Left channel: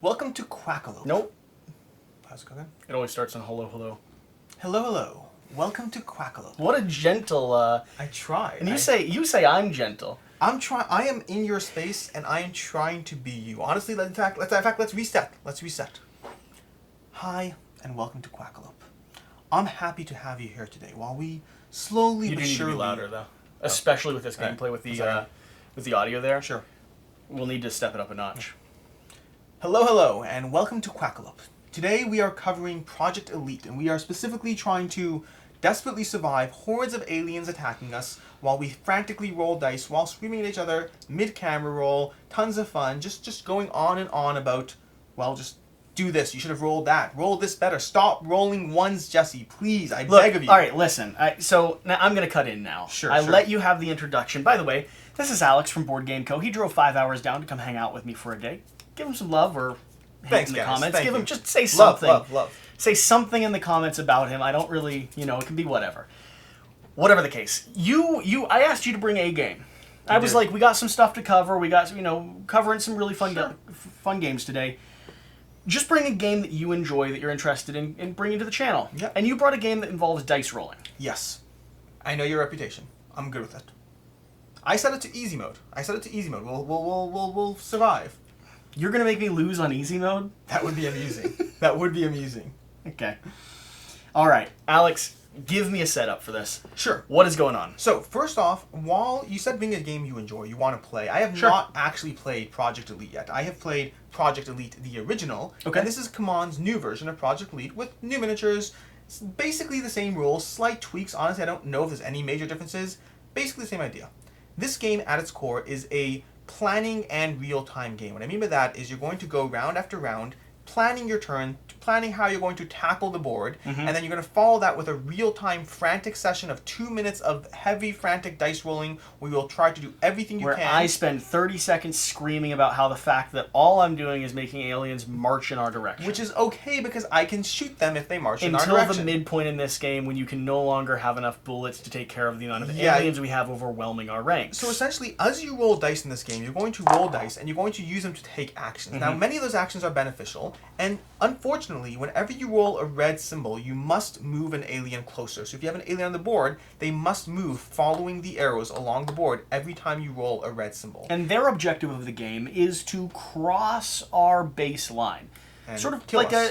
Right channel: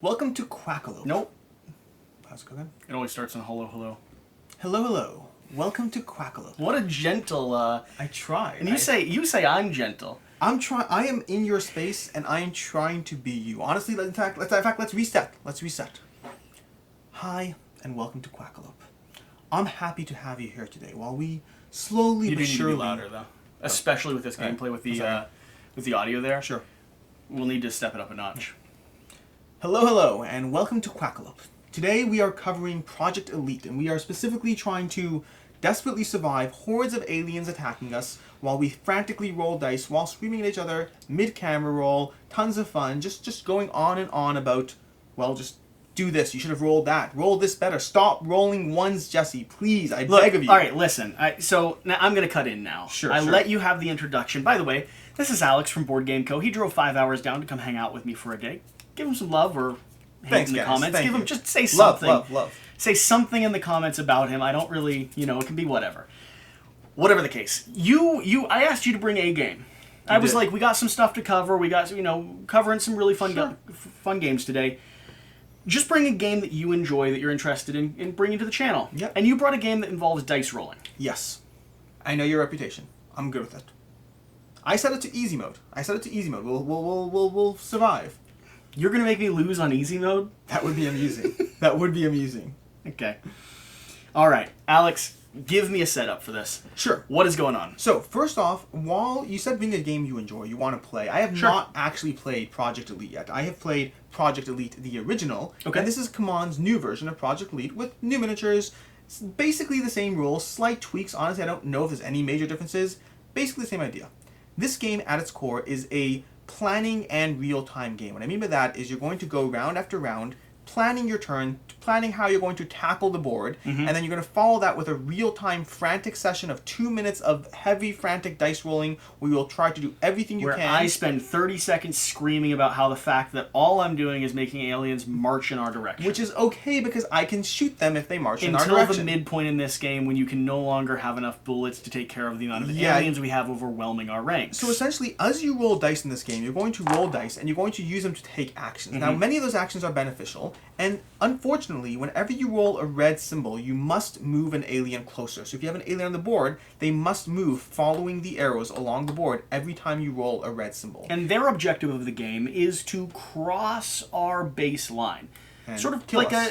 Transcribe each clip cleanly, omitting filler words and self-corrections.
Welcome to Quackalope. Nope. How's it going? It always starts on hello, hello. Hello, hello. Welcome to Quackalope. What a gentle, I tried. And you say I'm gentle. I am in your space, and I am trying to be you. Honestly, let's reset. Let's reset. Hi, and welcome to Quackalope. I'm happy to have you here today while we slowly You but do need surely... to be louder, though. Especially with this gameplay, with the audio there. Sure. We'll need to step it up a notch. Hello, hello, and welcome to Quackalope. Today we are covering Project Elite, and we are specifically trying to desperately survive hordes of aliens attacking us while we frantically roll dice while screaming at each other, mid-camera roll, tons of fun, just going on and on about, well, just do this, you should have rolled that, roll this better, stop rolling ones, Jesse, please, I beg of you. Alright, listen, so now I'm going to cut in now. Sure, I sure. let you have the introduction. By the way, this is Alex from BoardGameCo. He drove 5 hours down to come hang out with me for a day. Give him some love or hate Thanks, in the guys. comments. Thank Give him you. just say something. Love. Say something in the comments about him. I don't really, it can be whatever. Whatever the case. I asked you to bring a game. I was like, we got some stuff to cover. We got, covering some really fun games today. Just bring a game that you enjoy, that you're interested in bringing to the channel. Yep. And you brought a game that involves dice rolling. Yes. I know your reputation. I'm good with it. I set it to easy mode. We'll survive. You're going to make me lose on easy mode? That would be amusing. That would be amusing. Okay. All right. Alex, give me a setup for this. Sure. What is going on? So, first off, while you said bring a game you enjoy, you want to play, I have not actually played Project Elite yet. I have played Project Elite, the original. Okay. And this is Cmon's new version of Project Elite with new miniatures. It's basically the same rules, slight tweaks. Honestly, I don't know if there's any major differences. Basically the same idea. This game, at its core, is a planning and real-time game. What I mean by that is you're going to go round after round, planning your turn, planning how you're going to tackle the board, and then you're going to follow that with a real-time frantic session of 2 minutes of heavy frantic dice rolling where you'll try to do everything you Where can. I spend 30 seconds screaming about how the fact that all I'm doing is making aliens march in our direction. Which is okay because I can shoot them if they march in our until direction. the midpoint in this game when you can no longer have enough bullets to take care of the amount of aliens we have overwhelming our ranks. So essentially, as you roll dice in this game, you're going to roll dice and you're going to use them to take actions. Now, many of those actions are beneficial, and unfortunately, whenever you roll a red symbol, you must move an alien closer. So if you have an alien on the board, they must move following the arrows along the board every time you roll a red symbol. And their objective of the game is to cross our baseline. And sort of kill like us.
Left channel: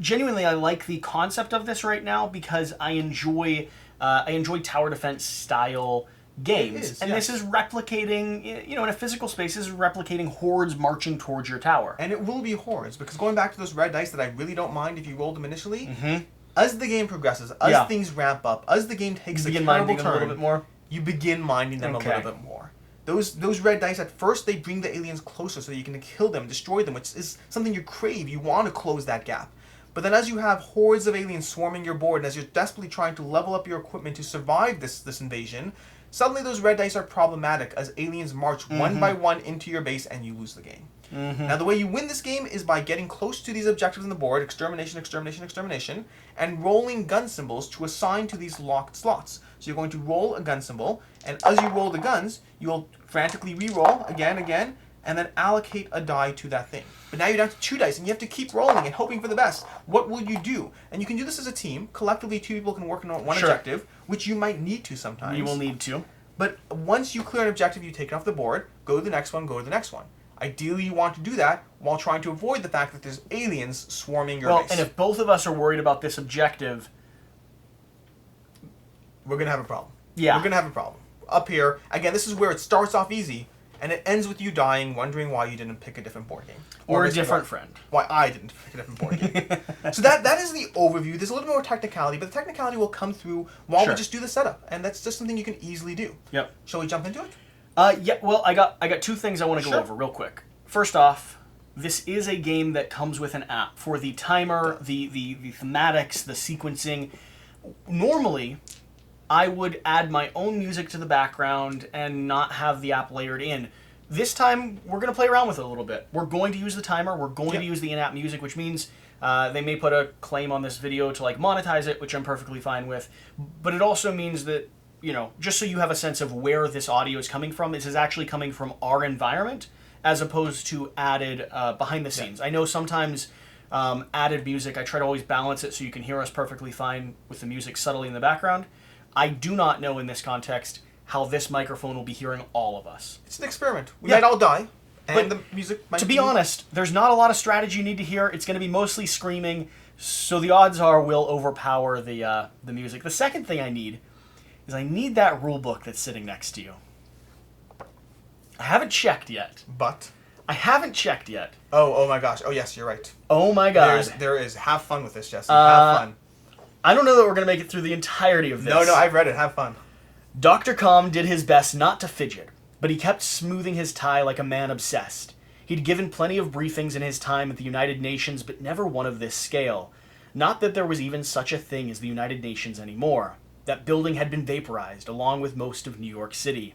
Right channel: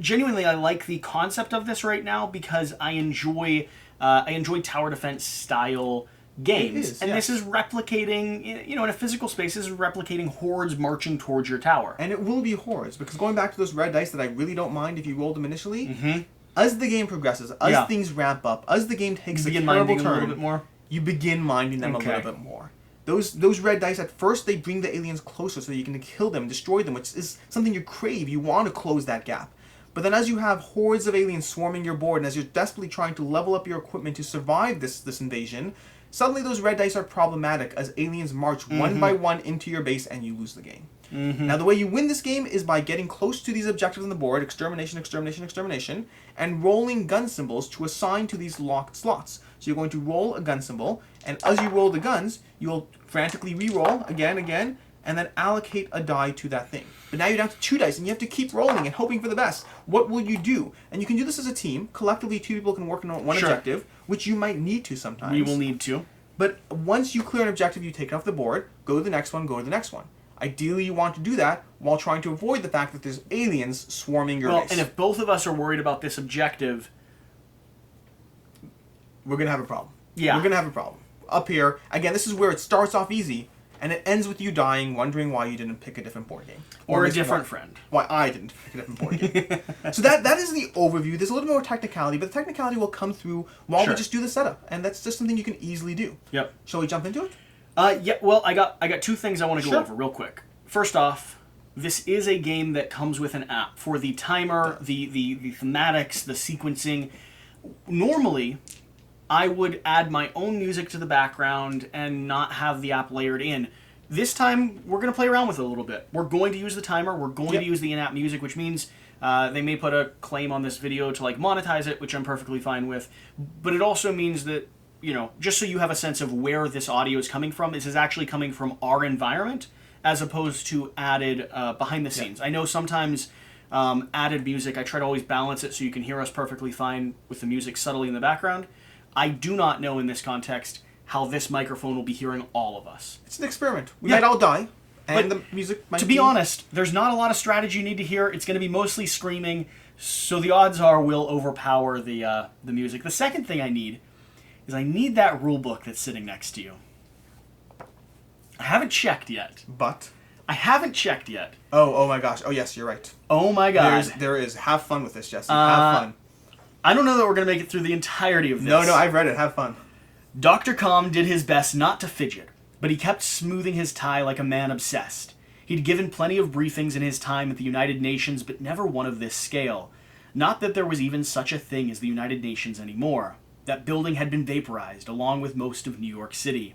genuinely I like the concept of this right now because I enjoy tower defense style games. This is replicating, in a physical space, this is replicating hordes marching towards your tower. And it will be hordes, because going back to those red dice that I really don't mind if you rolled them initially, as the game progresses, as things ramp up, as the game takes a terrible turn, a little bit more. You begin minding them a little bit more. Those red dice, at first, they bring the aliens closer so that you can kill them, destroy them, which is something you crave. You want to close that gap. But then as you have hordes of aliens swarming your board, and as you're desperately trying to level up your equipment to survive this invasion, suddenly those red dice are problematic as aliens march one by one into your base and you lose the game. Now, the way you win this game is by getting close to these objectives on the board, extermination, extermination, extermination, and rolling gun symbols to assign to these locked slots. So you're going to roll a gun symbol, and as you roll the guns, you'll frantically re-roll again, and then allocate a die to that thing. But now you're down to 2 dice, and you have to keep rolling and hoping for the best. What will you do? And you can do this as a team. Collectively, 2 people can work on one objective, which you might need to sometimes. You will need to. But once you clear an objective, you take it off the board, go to the next one, go to the next one. Ideally, you want to do that while trying to avoid the fact that there's aliens swarming your base. And if both of us are worried about this objective, we're going to have a problem. Yeah. We're going to have a problem. Up here, again, this is where it starts off easy, and it ends with you dying, wondering why you didn't pick a different board game. Or a different friend. Why I didn't pick a different board game. So that is the overview. There's a little more technicality, but the technicality will come through while we just do the setup, and that's just something you can easily do. Yep. Shall we jump into it? Yeah, well, I got 2 things I want to go over real quick. First off, this is a game that comes with an app for the timer, the thematics, the sequencing. Normally, I would add my own music to the background and not have the app layered in. This time, we're going to play around with it a little bit. We're going to use the timer. We're going to use the in-app music, which means they may put a claim on this video to monetize it, which I'm perfectly fine with. But it also means that, just so you have a sense of where this audio is coming from, this is actually coming from our environment as opposed to added behind the scenes. I know sometimes added music, I try to always balance it so you can hear us perfectly fine with the music subtly in the background. I do not know in this context how this microphone will be hearing all of us. It's an experiment. We might all die, and the music might To be honest, there's not a lot of strategy you need to hear. It's going to be mostly screaming, so the odds are we'll overpower the music. The second thing I need is I need that rule book that's sitting next to you. I haven't checked yet. But? I haven't checked yet. Oh my gosh. Oh yes, you're right. Oh my god. There is. Have fun with this, Jesse. Have fun. I don't know that we're going to make it through the entirety of this. No, I've read it. Have fun. Dr. Calm did his best not to fidget, but he kept smoothing his tie like a man obsessed. He'd given plenty of briefings in his time at the United Nations, but never one of this scale. Not that there was even such a thing as the United Nations anymore. That building had been vaporized, along with most of New York City.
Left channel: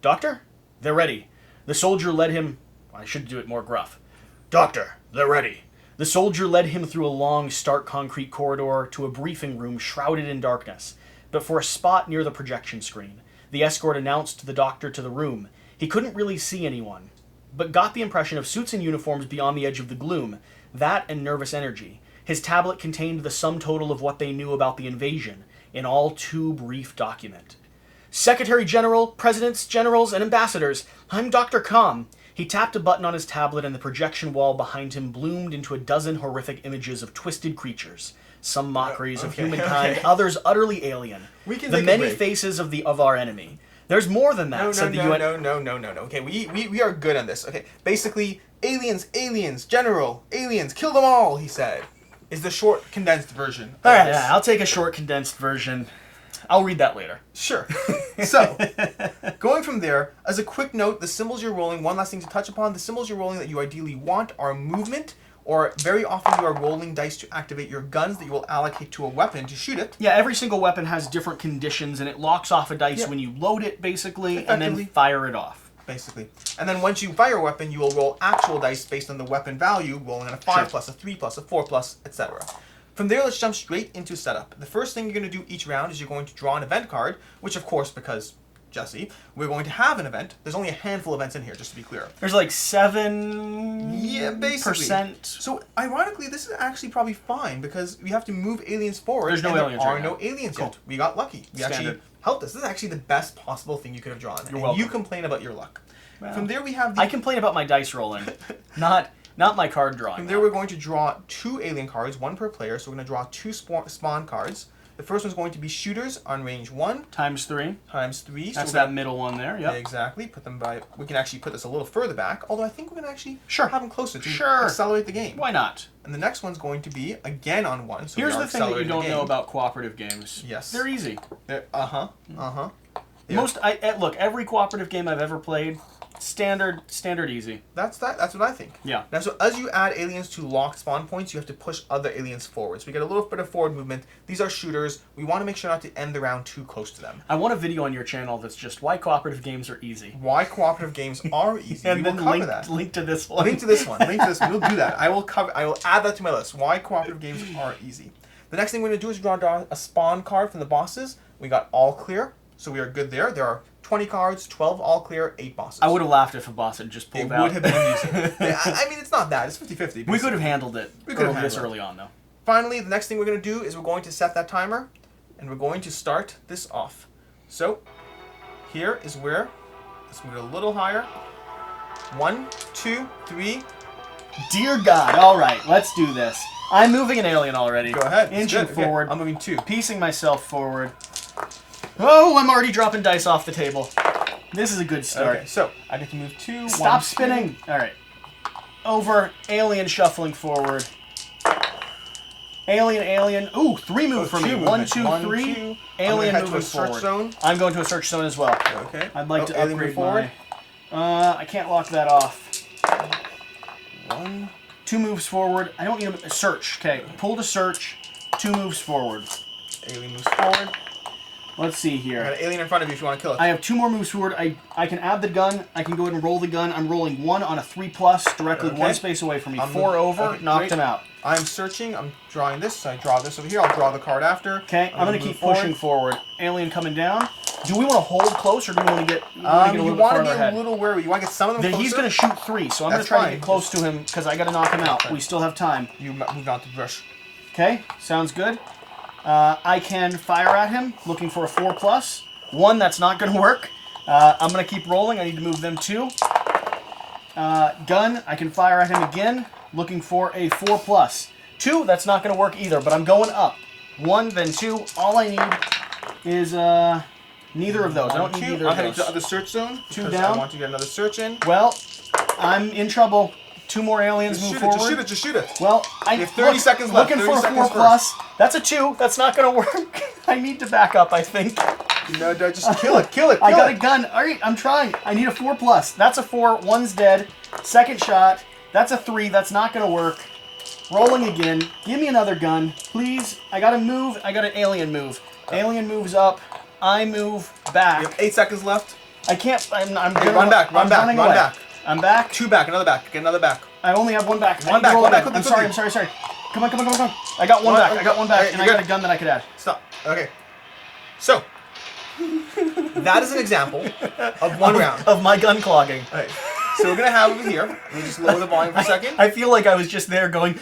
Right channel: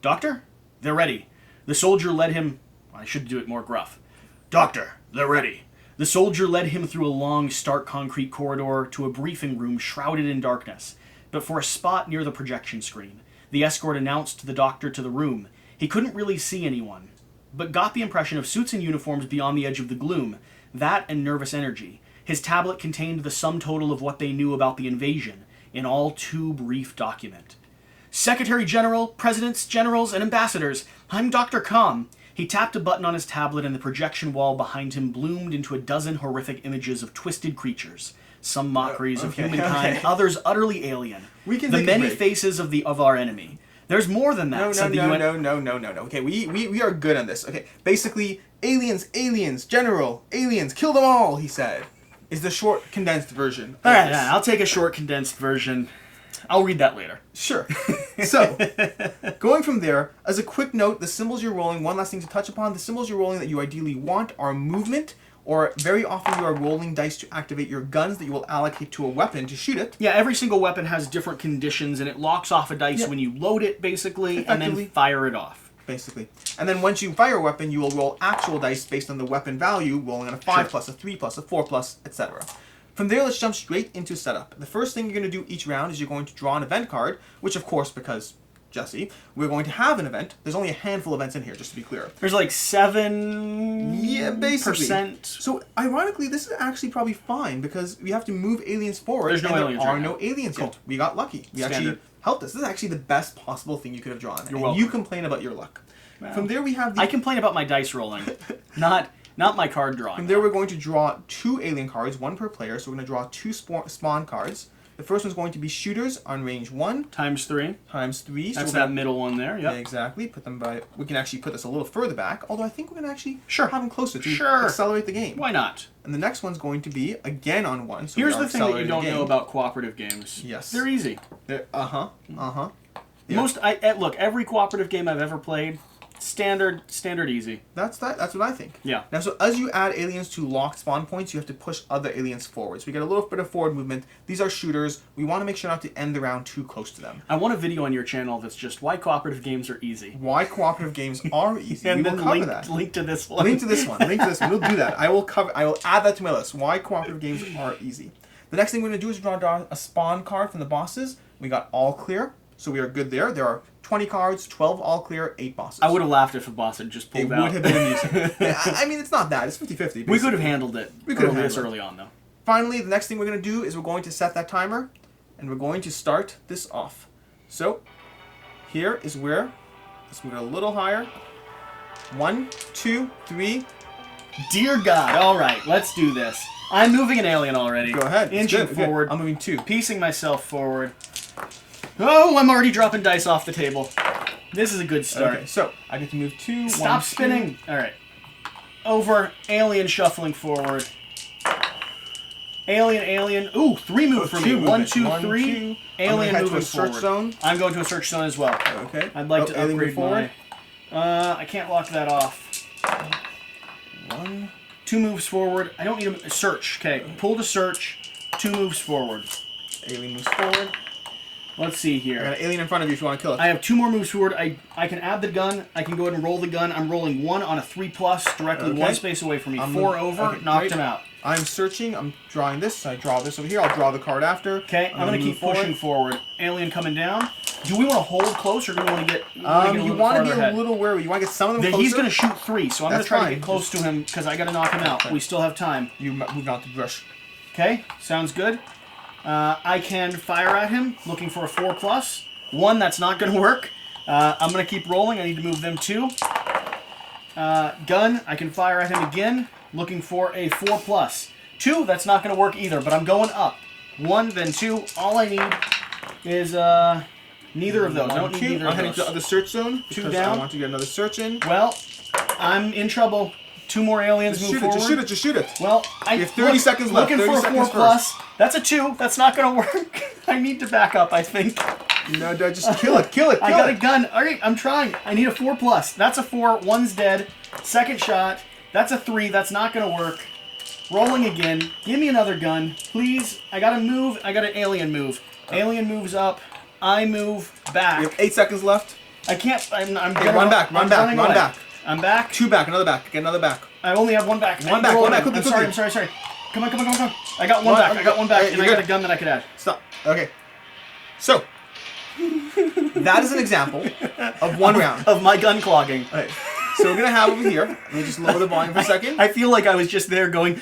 Doctor, they're ready. The soldier led him... I should do it more gruff. Doctor, they're ready. The soldier led him through a long, stark concrete corridor to a briefing room shrouded in darkness. But for a spot near the projection screen, the escort announced the doctor to the room. He couldn't really see anyone, but got the impression of suits and uniforms beyond the edge of the gloom. That and nervous energy. His tablet contained the sum total of what they knew about the invasion, in all too brief document. Secretary General, Presidents, Generals, and Ambassadors, I'm Dr. Calm. He tapped a button on his tablet and the projection wall behind him bloomed into a dozen horrific images of twisted creatures. Some mockeries of humankind, others utterly alien. The many faces of our enemy. There's more than that, said the UN. No. Okay, we are good on this. Okay, basically, aliens, general, aliens, kill them all, he said. Is the short, condensed version. All right, yeah, I'll take a short, condensed version. I'll read that later. Sure. So, going from there, as a quick note, the symbols you're rolling, one last thing to touch upon, the symbols you're rolling that you ideally want are movement, or very often you are rolling dice to activate your guns that you will allocate to a weapon to shoot it. Yeah, every single weapon has different conditions, and it locks off a dice when you load it, basically, and then fire it off. Basically. And then once you fire a weapon, you will roll actual dice based on the weapon value, rolling on a 5 plus, a 3 plus, a 4 plus, etc. From there, let's jump straight into setup. The first thing you're going to do each round is you're going to draw an event card, which of course, because Jesse, we're going to have an event. There's only a handful of events in here, just to be clear. There's like 7%. So, ironically, this is actually probably fine, because we have to move aliens forward. There's no aliens There are right no aliens yet. We got lucky. We actually helped us. This is actually the best possible thing you could have drawn. You're welcome. You complain about your luck. Well, from there, we have I complain about my dice rolling, not my card drawing. From there, we're going to draw 2 alien cards, 1 per player. So we're going to draw 2 spawn cards. The first one's going to be shooters on range 1. Times 3. Times 3. That's that middle one there, yep. Yeah, exactly. Put them by... We can actually put this a little further back, although I think we're going to actually have them closer to accelerate the game. Why not? And the next one's going to be, again, on 1. So here's the thing that you don't know about cooperative games. Yes. They're easy. Yeah. Look, every cooperative game I've ever played, standard easy. That's what I think. Yeah. Now, so as you add aliens to locked spawn points, you have to push other aliens forward. So we get a little bit of forward movement. These are shooters. We want to make sure not to end the round too close to them. I want a video on your channel that's just why cooperative games are easy. Why cooperative games are easy. And we then will cover that. Link to this one. Link to this one. We'll do that. I will add that to my list. Why cooperative games are easy. The next thing we're going to do is draw a spawn card from the bosses. We got all clear, so we are good there. There are 20 cards, 12 all clear, 8 bosses. I would have laughed if a boss had just pulled out. It would have been amusing. I mean, it's not that. It's 50-50. We could have handled it. We could have handled this early on, though. Finally, the next thing we're going to do is we're going to set that timer, and we're going to start this off. So, here is where, let's move it a little higher. 1, 2, 3. Dear God, all right, let's do this. I'm moving an alien already. Go ahead. Inching forward. Okay. I'm moving 2. Piecing myself forward. Oh, I'm already dropping dice off the table. This is a good start. Okay, so I get to move 2. Stop spinning. 2. All right. Over. Alien shuffling forward. Alien. Ooh, 3 move for me. 1, 2, 3. Alien moving forward. Search zone. I'm going to a search zone as well. Okay. I'd like to upgrade forward. I can't lock that off. 1. 2 moves forward. I don't need a search. Okay. Pull to search. 2 moves forward. Alien moves forward. Let's see here. I got an alien in front of you if you want to kill it. I have 2 more moves forward. I can add the gun. I can go ahead and roll the gun. I'm rolling 1 on a 3+ directly 1 space away from me. 4 over. Knocked him out. I'm searching. I'm drawing this. So I draw this over here. I'll draw the card after. Okay. I'm going to keep pushing forward. Alien coming down. Do we want to hold close, or do we want to get? You want to be a little wary. You want to get some of them closer. He's going to shoot 3, so I'm going to try to get close to him because I got to knock him out. We still have time. You move on to brush. Okay, sounds good. I can fire at him, looking for a 4+. 1, that's not going to work. I'm going to keep rolling. I need to move them 2. Gun, I can fire at him again, looking for a 4+. 2, that's not going to work either, but I'm going up. 1, then 2. All I need is neither of those. I don't need either of those. I'm heading to the other search zone. 2 down. I want to get another search in. Well, I'm in trouble. 2 more aliens move forward. Just shoot it. Well, we have 30 seconds left. Looking for a 4+. That's a 2. That's not going to work. I need to back up, I think. No, just kill it. Kill it. I got a gun. All right, I'm trying. I need a 4+. That's a 4. 1's dead. Second shot. That's a 3. That's not going to work. Rolling again. Give me another gun, please. I got to move. I got an alien move. Alien moves up. I move back. You have 8 seconds left. I can't. I'm hey, run back. Run back. I'm back. 2 back. Another back. Get another back. I only have 1 back. One back. I'm sorry. Come on. I got 1 back. I got 1 back, and I got a gun that I could add. Stop. Okay. So, that is an example of 1 round. Of my gun clogging. All right. So we're going to have over here, let me just lower the volume for a second. I feel like I was just there going...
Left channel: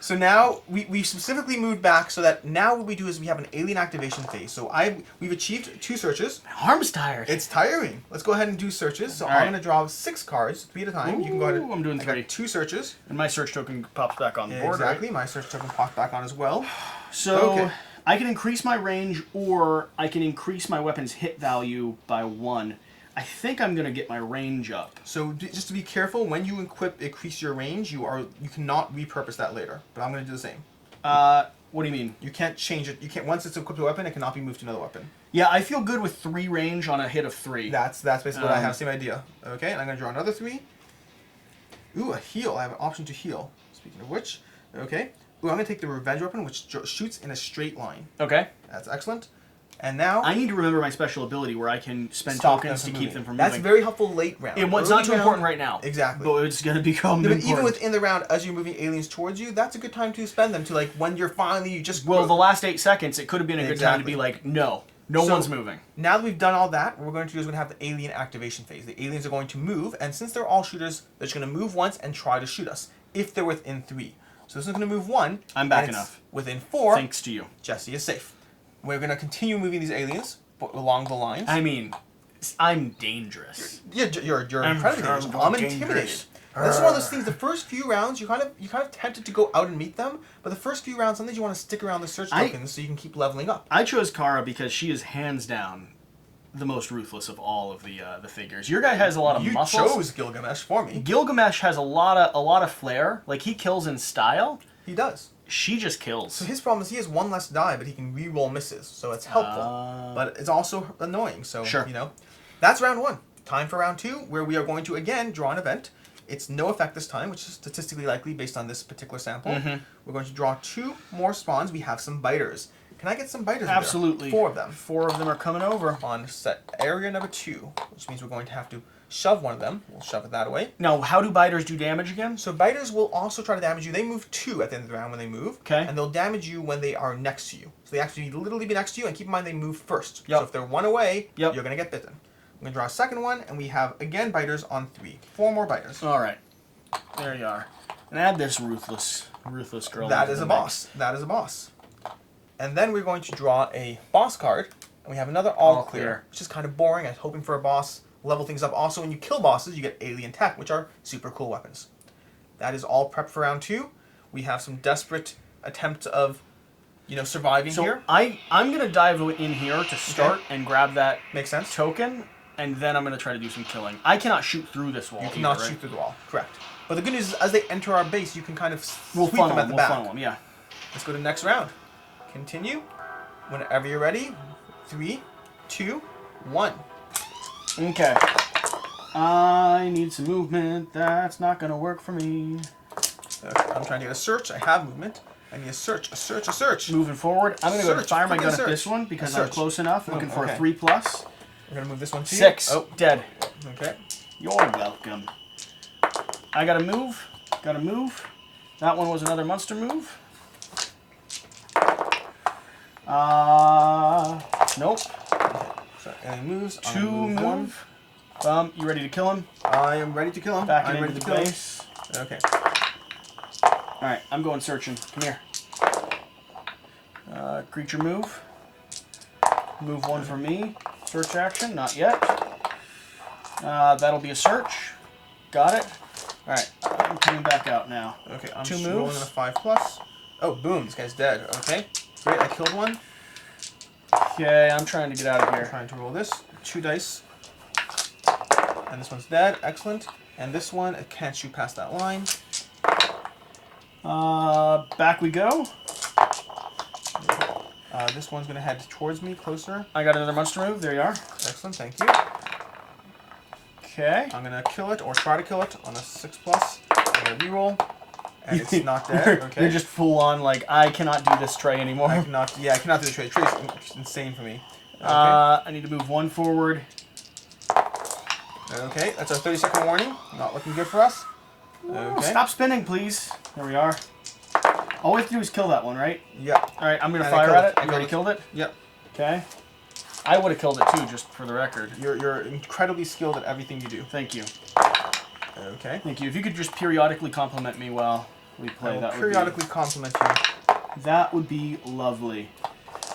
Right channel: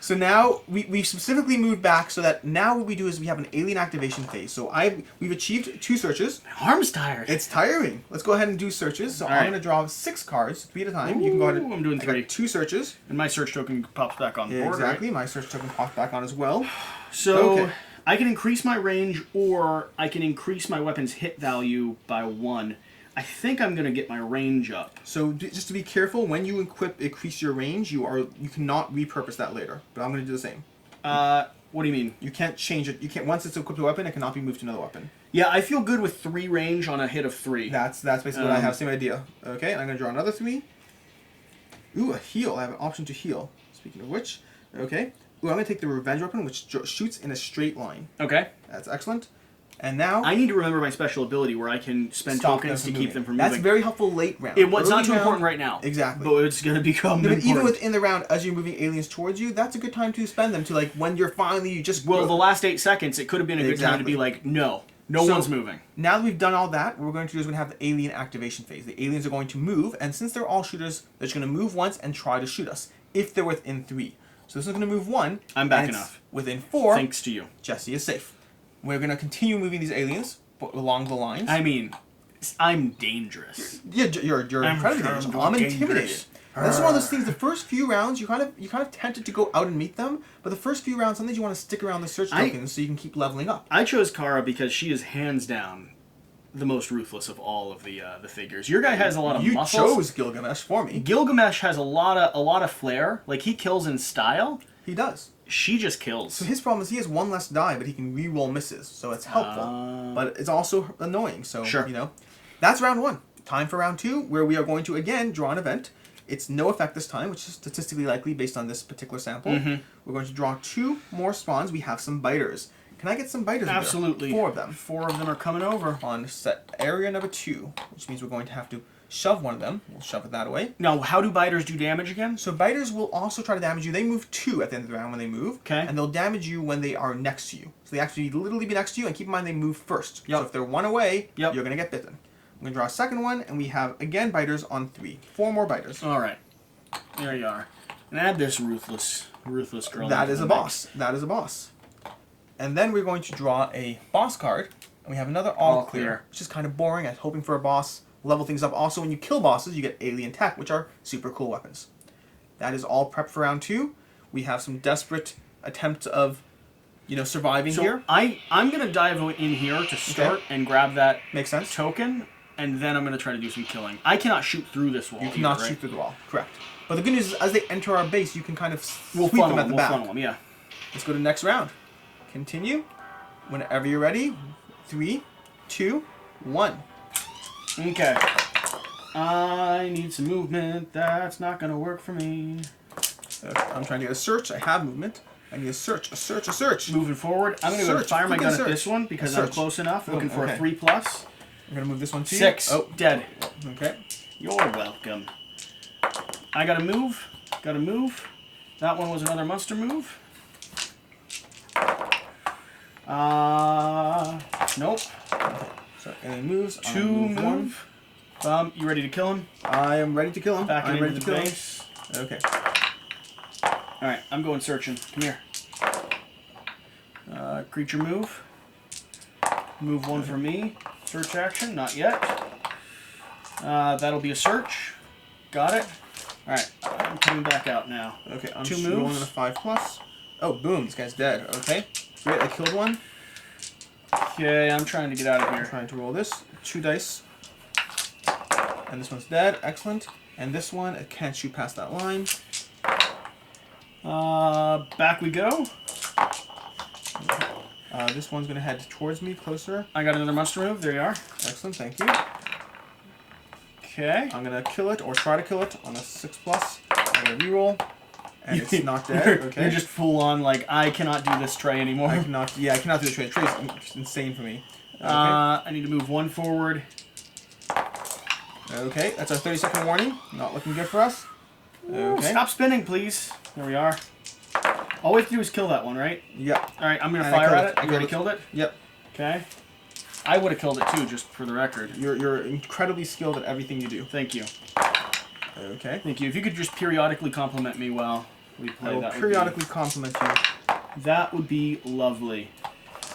So now, we've specifically moved back so that now what we do is we have an alien activation phase. So we've achieved 2 searches. My arm's tired. It's tiring. Let's go ahead and do searches. So I'm going to draw 6 cards, 3 at a time. You can go ahead and... I'm doing 3. 2 searches. And my search token pops back on the board, exactly. Right? My search token pops back on as well. So... Okay. I can increase my range, or I can increase my weapon's hit value by 1. I think I'm going to get my range up. So just to be careful, when you increase your range, you cannot repurpose that later. But I'm going to do the same. What do you mean? You can't change it. You can't, once it's equipped to a weapon, it cannot be moved to another weapon. Yeah, I feel good with 3 range on a hit of 3. That's basically what I have. Same idea. Okay, and I'm going to draw another 3. Ooh, a heal. I have an option to heal. Speaking of which, okay. Ooh, I'm going to take the revenge weapon, which shoots in a straight line. Okay. That's excellent. And now... I need to remember my special ability where I can spend tokens to keep them from moving. That's very helpful late round. It's not too important right now. Exactly. But it's going to become important. Even within the round, as you're moving aliens towards you, that's a good time to spend them to, like, when you're finally... Well, the last 8 seconds, it could have been a good time to be like, no one's moving. Now that we've done all that, what we're going to do is we're going to have the alien activation phase. The aliens are going to move, and since they're all shooters, they're just going to move once and try to shoot us, if they're within 3. So this is going to move 1. I'm back enough. Within 4. Thanks to you. Jesse is safe. We're going to continue moving these aliens along the lines. I mean, I'm dangerous. You're incredibly dangerous. I'm intimidated. That's one of those things. The first few rounds, you kind of tempted to go out and meet them, but the first few rounds, sometimes you want to stick around the search tokens so you can keep leveling up. I chose Kara because she is hands down the most ruthless of all of the figures. Your guy has a lot of muscles. You chose Gilgamesh for me. Gilgamesh has a lot of flair. Like, he kills in style. He does. She just kills. So his problem is he has 1 less die, but he can re-roll misses, so it's helpful. But it's also annoying, so, you know. That's round 1. Time for round 2, where we are going to, again, draw an event. It's no effect this time, which is statistically likely based on this particular sample. We're going to draw 2 more spawns. We have some biters. Can I get some biters? Absolutely. 4 of them. 4 of them are coming over. On set area number 2, which means we're going to have to shove one of them. We'll shove it that way. Now, how do biters do damage again? So biters will also try to damage you. They move 2 at the end of the round when they move. Okay. And they'll damage you when they are next to you. So they actually literally be next to you, and keep in mind they move first. Yep. So if they're 1 away, you're going to get bitten. I'm going to draw a second one, and we have, again, biters on 3. 4 more biters. All right. There you are. And add this ruthless girl. That is a boss. That is a boss. And then we're going to draw a boss card, and we have another all clear, which is kind of boring. I was hoping for a boss. Level things up. Also, when you kill bosses, you get alien tech, which are super cool weapons. That is all prep for round 2. We have some desperate attempts of, surviving here. I'm going to dive in here to start and grab that Makes sense. token, and then I'm going to try to do some killing. I cannot shoot through this wall. You cannot shoot through the wall. Correct. But the good news is, as they enter our base, you can kind of sweep them at the back. Funnel them, yeah. Let's go to the next round. Continue. Whenever you're ready. 3, 2, 1. Okay. I need some movement. That's not going to work for me. I'm trying to get a search. I have movement. I need a search. A search. Moving forward. I'm going to go fire my gun at this one because I'm close enough. Looking for a 3+. We're going to move this one to 6. you. Oh, dead. Okay. You're welcome. I got to move. That one was another monster move. Nope. So, and he moves. 2 move. You ready to kill him? I am ready to kill him. Back I'm ready into to kill base. him. Okay. Alright, I'm going searching. Come here. Creature move. Move 1 for me. Search action, not yet. That'll be a search. Got it. Alright, I'm coming back out now. Okay, I'm 2 just moves. rolling in a 5+. Oh, boom, this guy's dead. Okay, great, I killed one. Okay, I'm trying to get out of I'm here. trying to roll this. 2 dice. And this one's dead, excellent. And this one, it can't shoot past that line. Back we go. This one's going to head towards me, closer. I got another monster move. There you are. Excellent, thank you. Okay. I'm going to kill it, or try to kill it, on a 6+. I'm going to reroll. And it's not dead. Okay. You're just full on, like, I cannot do this tray anymore. I cannot do the trade. Trade's insane for me. Okay. I need to move 1 forward. Okay, that's a 30-second warning. Not looking good for us. Okay. Stop spinning, please. There we are. All we have to do is kill that one, right? Yep. All right, I'm going to And I fire killed at it. it. I You already killed killed it? Yep. Okay. I would have killed it too, just for the record. You're incredibly skilled at everything you do. Thank you. Okay. Thank you. If you could just periodically compliment me while we play, I will that periodically compliment you. That would be lovely.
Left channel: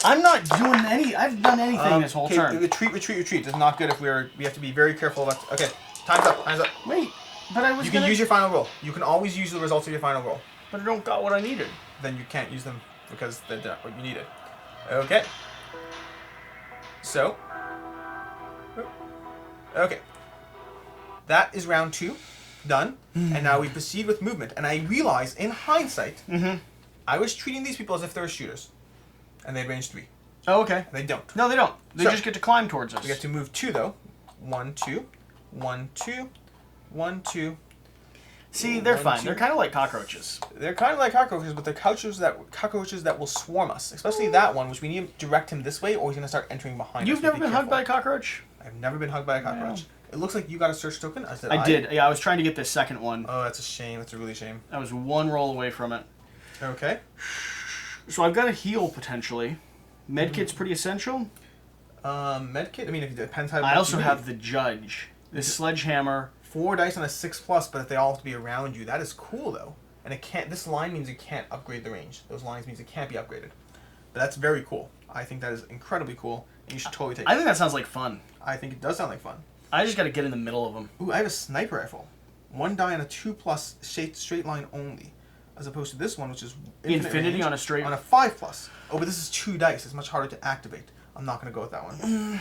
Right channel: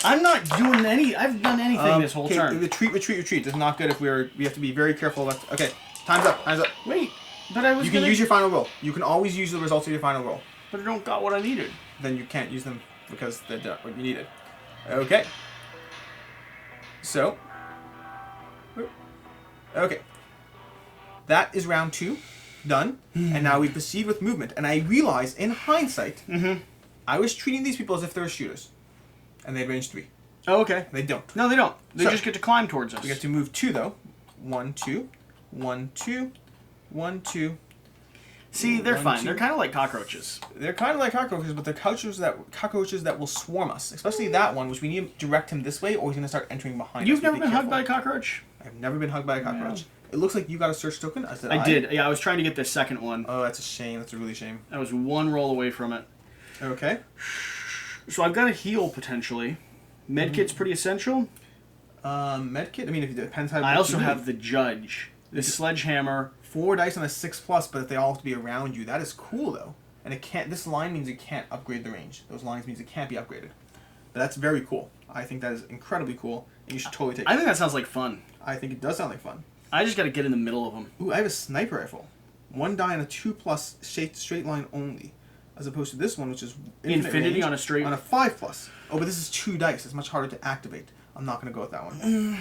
I'm not doing any. I've done anything this whole turn. Retreat. This is not good if we have to be very careful about. Okay, time's up. Wait, but I was. You can use your final roll. You can always use the results of your final roll. But I don't got what I needed. Then you can't use them because they're not what you needed. Okay. So. Okay. That is round 2, done. And now we proceed with movement. And I realize, in hindsight, I was treating these people as if they were shooters, and they had range 3. Oh, okay. They don't. No, they don't. They just get to climb towards us. We get to move 2 though. 1, 2, 1, 2, 1, 2. See, they're 1, fine. 2. They're kind of like cockroaches. They're kind of like cockroaches, but they're cockroaches that will swarm us. Especially that one, which we need to direct him this way, or he's going to start entering behind us. You've never been hugged by a cockroach? I've never been hugged by a cockroach. Yeah. It looks like you got a search token. As did I. I did. Yeah, I was trying to get this second one. Oh, that's a shame. That's a really shame. I was 1 roll away from it. Okay. So I've got a heal potentially. Medkit's pretty essential. Medkit. I mean, it depends how. I also have the Judge. This sledgehammer. 4 dice on a 6+, but if they all have to be around you, that is cool though. And it can't. This line means it can't upgrade the range. Those lines means it can't be upgraded. But that's very cool. I think that is incredibly cool, and you should totally take it. I think that sounds like fun. I think it does sound like fun. I just got to get in the middle of them. Ooh, I have a sniper rifle. 1 die on a 2+ straight line only, as opposed to this one, which is infinity range, on a straight. on a 5+. Oh, but this is 2 dice. It's much harder to activate. I'm not going to go with that one.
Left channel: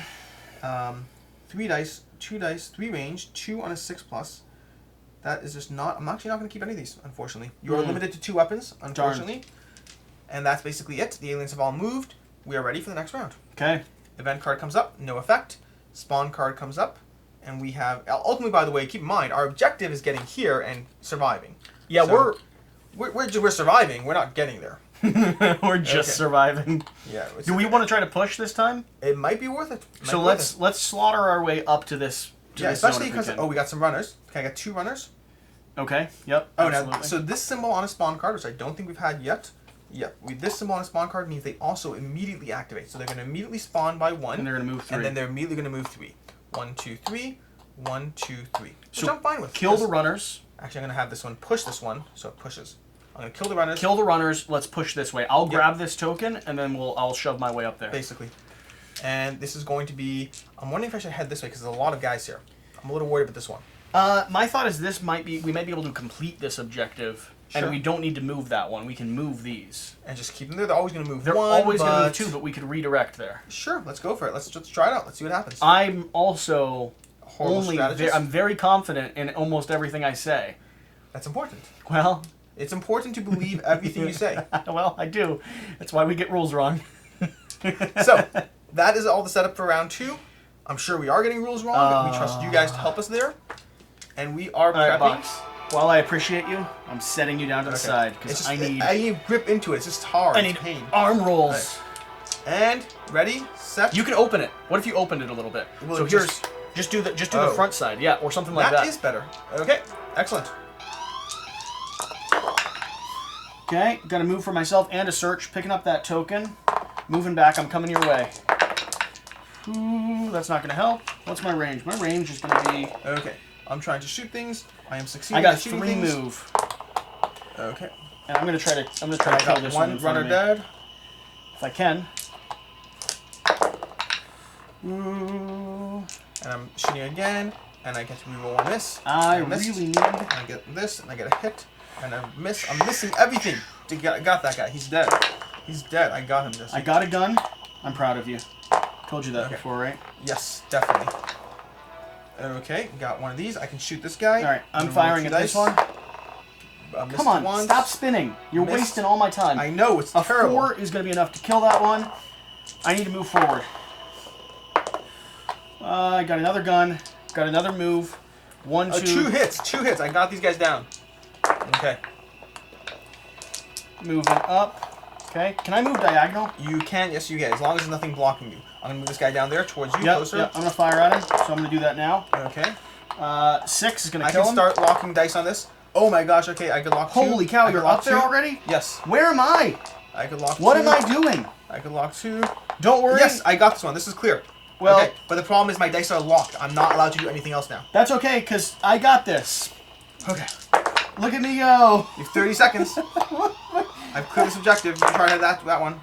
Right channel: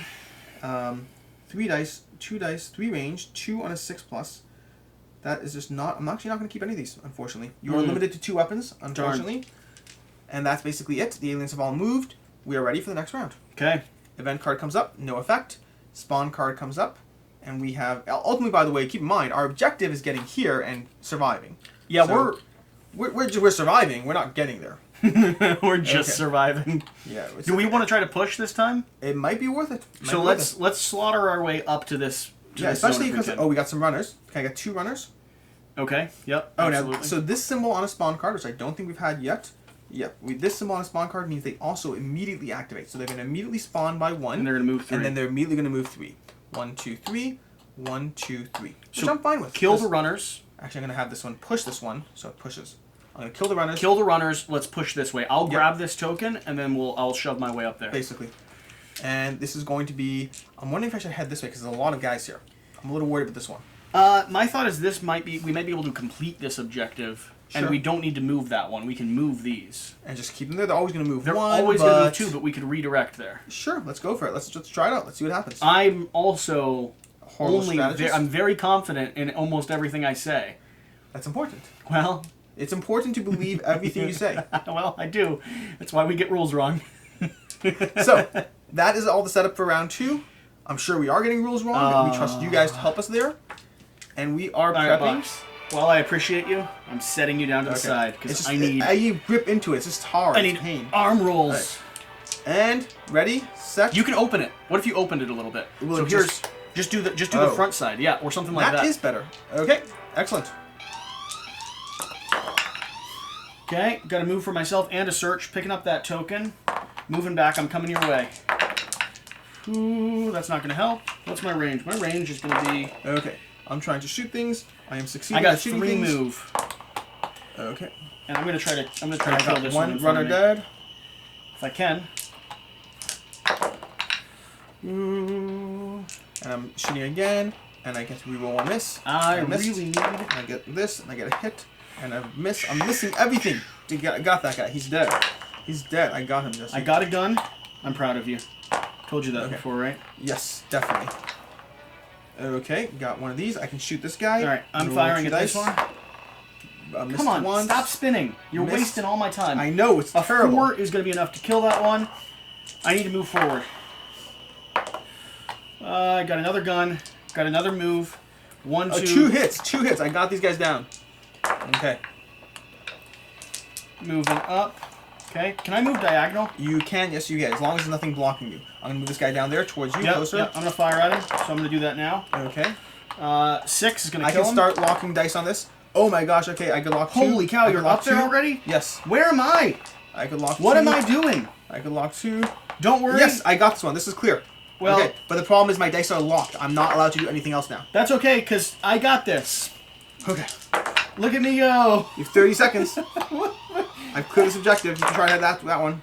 3 dice, 2 dice, 3 range, 2 on a 6+. That is just not. I'm actually not going to keep any of these, unfortunately. You are limited to 2 weapons, unfortunately. Darn. And that's basically it. The aliens have all moved. We are ready for the next round. Okay. Event card comes up, no effect. Spawn card comes up, and we have. Ultimately, by the way, keep in mind our objective is getting here and surviving. Yeah, so we're surviving. We're not getting there. We're just surviving. Yeah. Do we want to try to push this time? It might be worth it. So let's slaughter our way up to this. Especially because we got some runners. Can I get 2 runners? Okay. Yep. Oh, absolutely. Now, so this symbol on a spawn card, which I don't think we've had yet. Yep. This symbol on a spawn card means they also immediately activate. So they're going to immediately spawn by 1. And they're going to move 3. And then they're immediately going to move 3. 1, 2, 3. 1, 2, 3. Which I'm fine with. Kill the runners. Actually, I'm going to have this one push this one, so it pushes. I'm going to kill the runners. Kill the runners. Let's push this way. I'll grab this token, and then I'll shove my way up there. Basically. And this is going to be... I'm wondering if I should head this way, because there's a lot of guys here. I'm a little worried about this one. My thought is we might be able to complete this objective, and we don't need to move that one. We can move these. And just keep them there. They're always going to move They're one, always going to move 2, but we could redirect there. Sure, let's go for it. Let's try it out. Let's see what happens. I'm also I'm very confident in almost everything I say. That's important. Well... It's important to believe everything you say. Well, I do. That's why we get rules wrong. So, that is all the setup for round 2. I'm sure we are getting rules wrong. We trust you guys to help us there. And we are prepping. Right, while I appreciate you, I'm setting you down to the side because I need grip into it. It's just hard. I need arm rolls. Right. And ready, set. You can open it. What if you opened it a little bit? Well, so just do the front side, yeah, or something like that. That is better. Okay, excellent. Okay, got to move for myself and a search. Picking up that token. Moving back, I'm coming your way. Ooh, that's not going to help. What's my range? My range is going to be... Okay. I'm trying to shoot things. I am succeeding I got at shooting 3 things. move. Okay. And I'm going to try to kill this one. One runner dead. If I can. Ooh. And I'm shooting again. And I get to reroll one miss. I missed. really need... And I get this, and I get a hit. And I miss. I'm missing everything. Got that guy. He's dead. He's dead. I got him, Jesse. I got a gun. I'm proud of you. Told you that before, right? Yes, definitely. Okay, got one of these. I can shoot this guy. All right, I'm firing at this one. Come on, once. stop spinning. You're wasting all my time. I know, it's a terrible. 4 is going to be enough to kill that one. I need to move forward. I got another gun. Got another move. 1, 2. 2 hits. 2 hits. I got these guys down. Okay. Moving up. Okay. Can I move diagonal? You can. Yes, you can. As long as there's nothing blocking you. I'm going to move this guy down there towards you, closer. Yep. I'm going to fire at him, so I'm going to do that now. Okay. 6 is going to kill him. I can start locking dice on this. Oh my gosh, okay, I could lock 2. Holy cow, you're up there already? Yes. Where am I? I could lock 2. What am I doing? I could lock 2. Don't worry. Yes, I got this one. This is clear. Well, okay, but the problem is my dice are locked. I'm not allowed to do anything else now. That's okay, because I got this. Okay. Look at me go. You have 30 seconds. I've cleared this objective. You can try that one.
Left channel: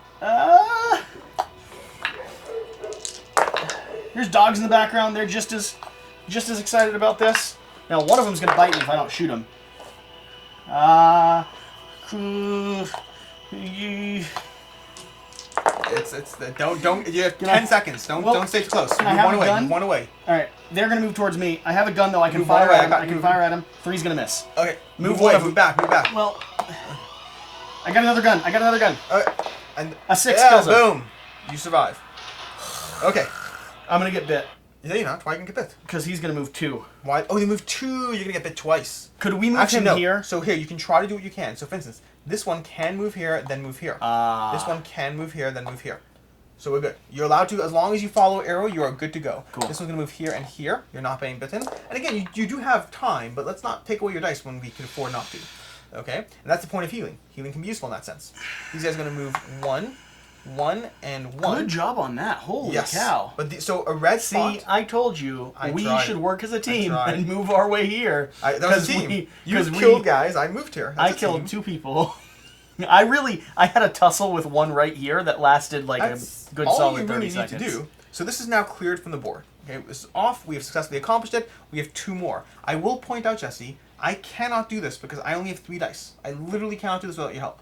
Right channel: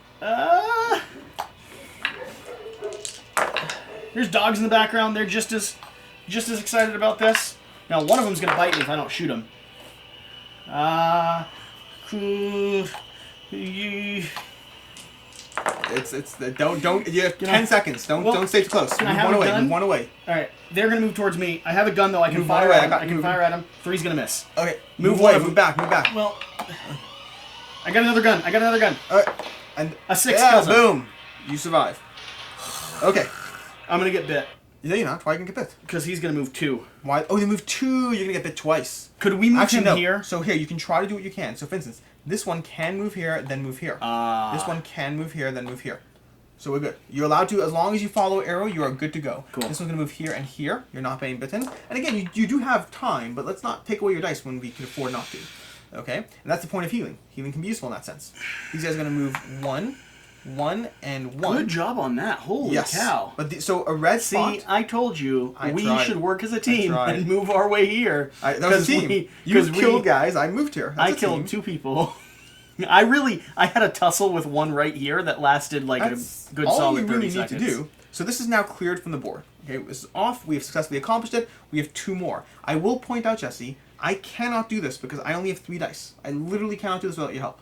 There's dogs in the background. They're just as excited about this. Now, one of them's going to bite me if I don't shoot him. Don't. You have 10 seconds. Don't stay too close. Move one away. Move one away. All right, they're gonna move towards me. I have a gun though. I can fire at him. I can fire at him. 3's gonna miss. Okay. Move away. Move back. Move back. Well, I got another gun. And a 6 kills him. Boom. You survive. Okay. I'm gonna get bit. No, you're not. Why are you gonna get bit? Because he's gonna move 2. Why? Oh, you move 2. You're gonna get bit twice. Could we move him here? So here, you can try to do what you can. So for instance, this one can move here, then move here. This one can move here, then move here. So we're good. You're allowed to, as long as you follow arrow, you are good to go. Cool. This one's going to move here and here. You're not being bitten. And again, you do have time, but let's not take away your dice when we can afford not to. Okay? And that's the point of healing. Healing can be useful in that sense. These guys are going to move 1, 1, and 1. Good job on that. Holy cow. But so a red spot... See, I told you we should work as a team and move our way here. That was a team. You killed guys. I moved here. I killed 2 people. I had a tussle with one right here that lasted like a good solid 30 seconds. All you really need to do. So this is now cleared from the board. Okay, this is off. We have successfully accomplished it. We have 2 more. I will point out, Jesse, I cannot do this because I only have 3 dice. I literally cannot do this without your help.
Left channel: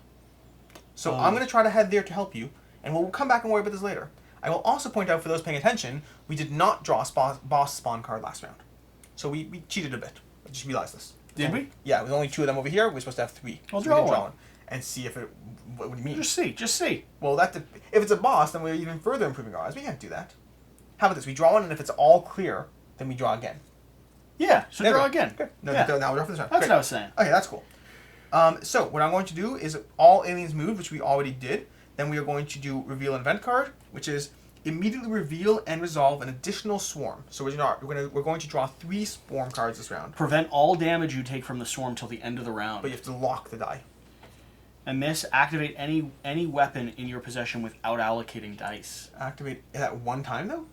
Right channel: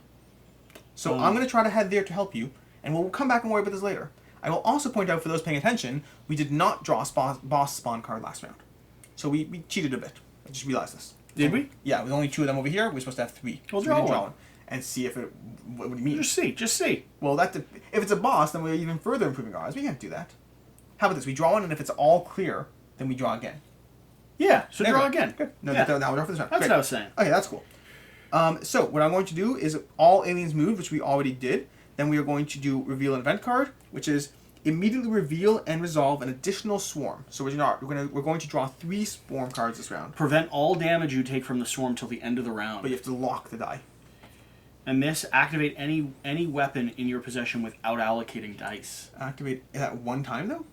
So I'm going to try to head there to help you, and we'll come back and worry about this later. I will also point out, for those paying attention, we did not draw a boss spawn card last round. So we cheated a bit. I just realized this. Did we? Yeah, with only 2 of them over here. We're supposed to have 3. We'll draw one. And see if it... What do you mean? Just see. Well, if it's a boss, then we're even further improving our odds. We can't do that. How about this? We draw one, and if it's all clear, then we draw again. Yeah, so draw again. Good. No, yeah. now we're off for this round. That's what I was saying. Okay, that's cool. So what I'm going to do is all aliens move, which we already did. Then we are going to do reveal an event card, which is immediately reveal and resolve an additional swarm. So we're going to draw 3 swarm cards this round. Prevent all damage you take from the swarm till the end of the round. But you have to lock the die. And this, activate any weapon in your possession without allocating dice. Activate at one time, though?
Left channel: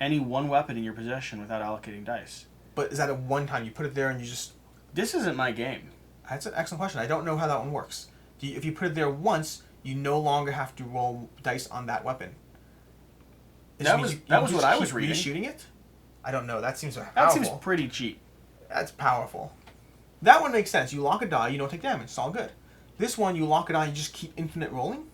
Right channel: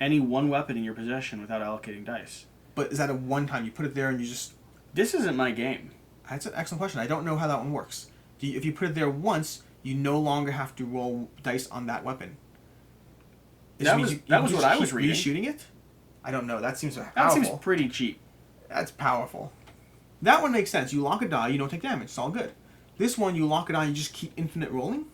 Any one weapon in your possession without allocating dice. But is that at one time? You put it there and you just... This isn't my game. That's an excellent question. I don't know how that one works. If you put it there once, you no longer have to roll dice on that weapon. That was what I was reading. Reshooting it? I don't know. That seems powerful. That seems pretty cheap. That's powerful. That one makes sense. You lock a die, you don't take damage. It's all good. This one, you lock it on, you just keep infinite rolling?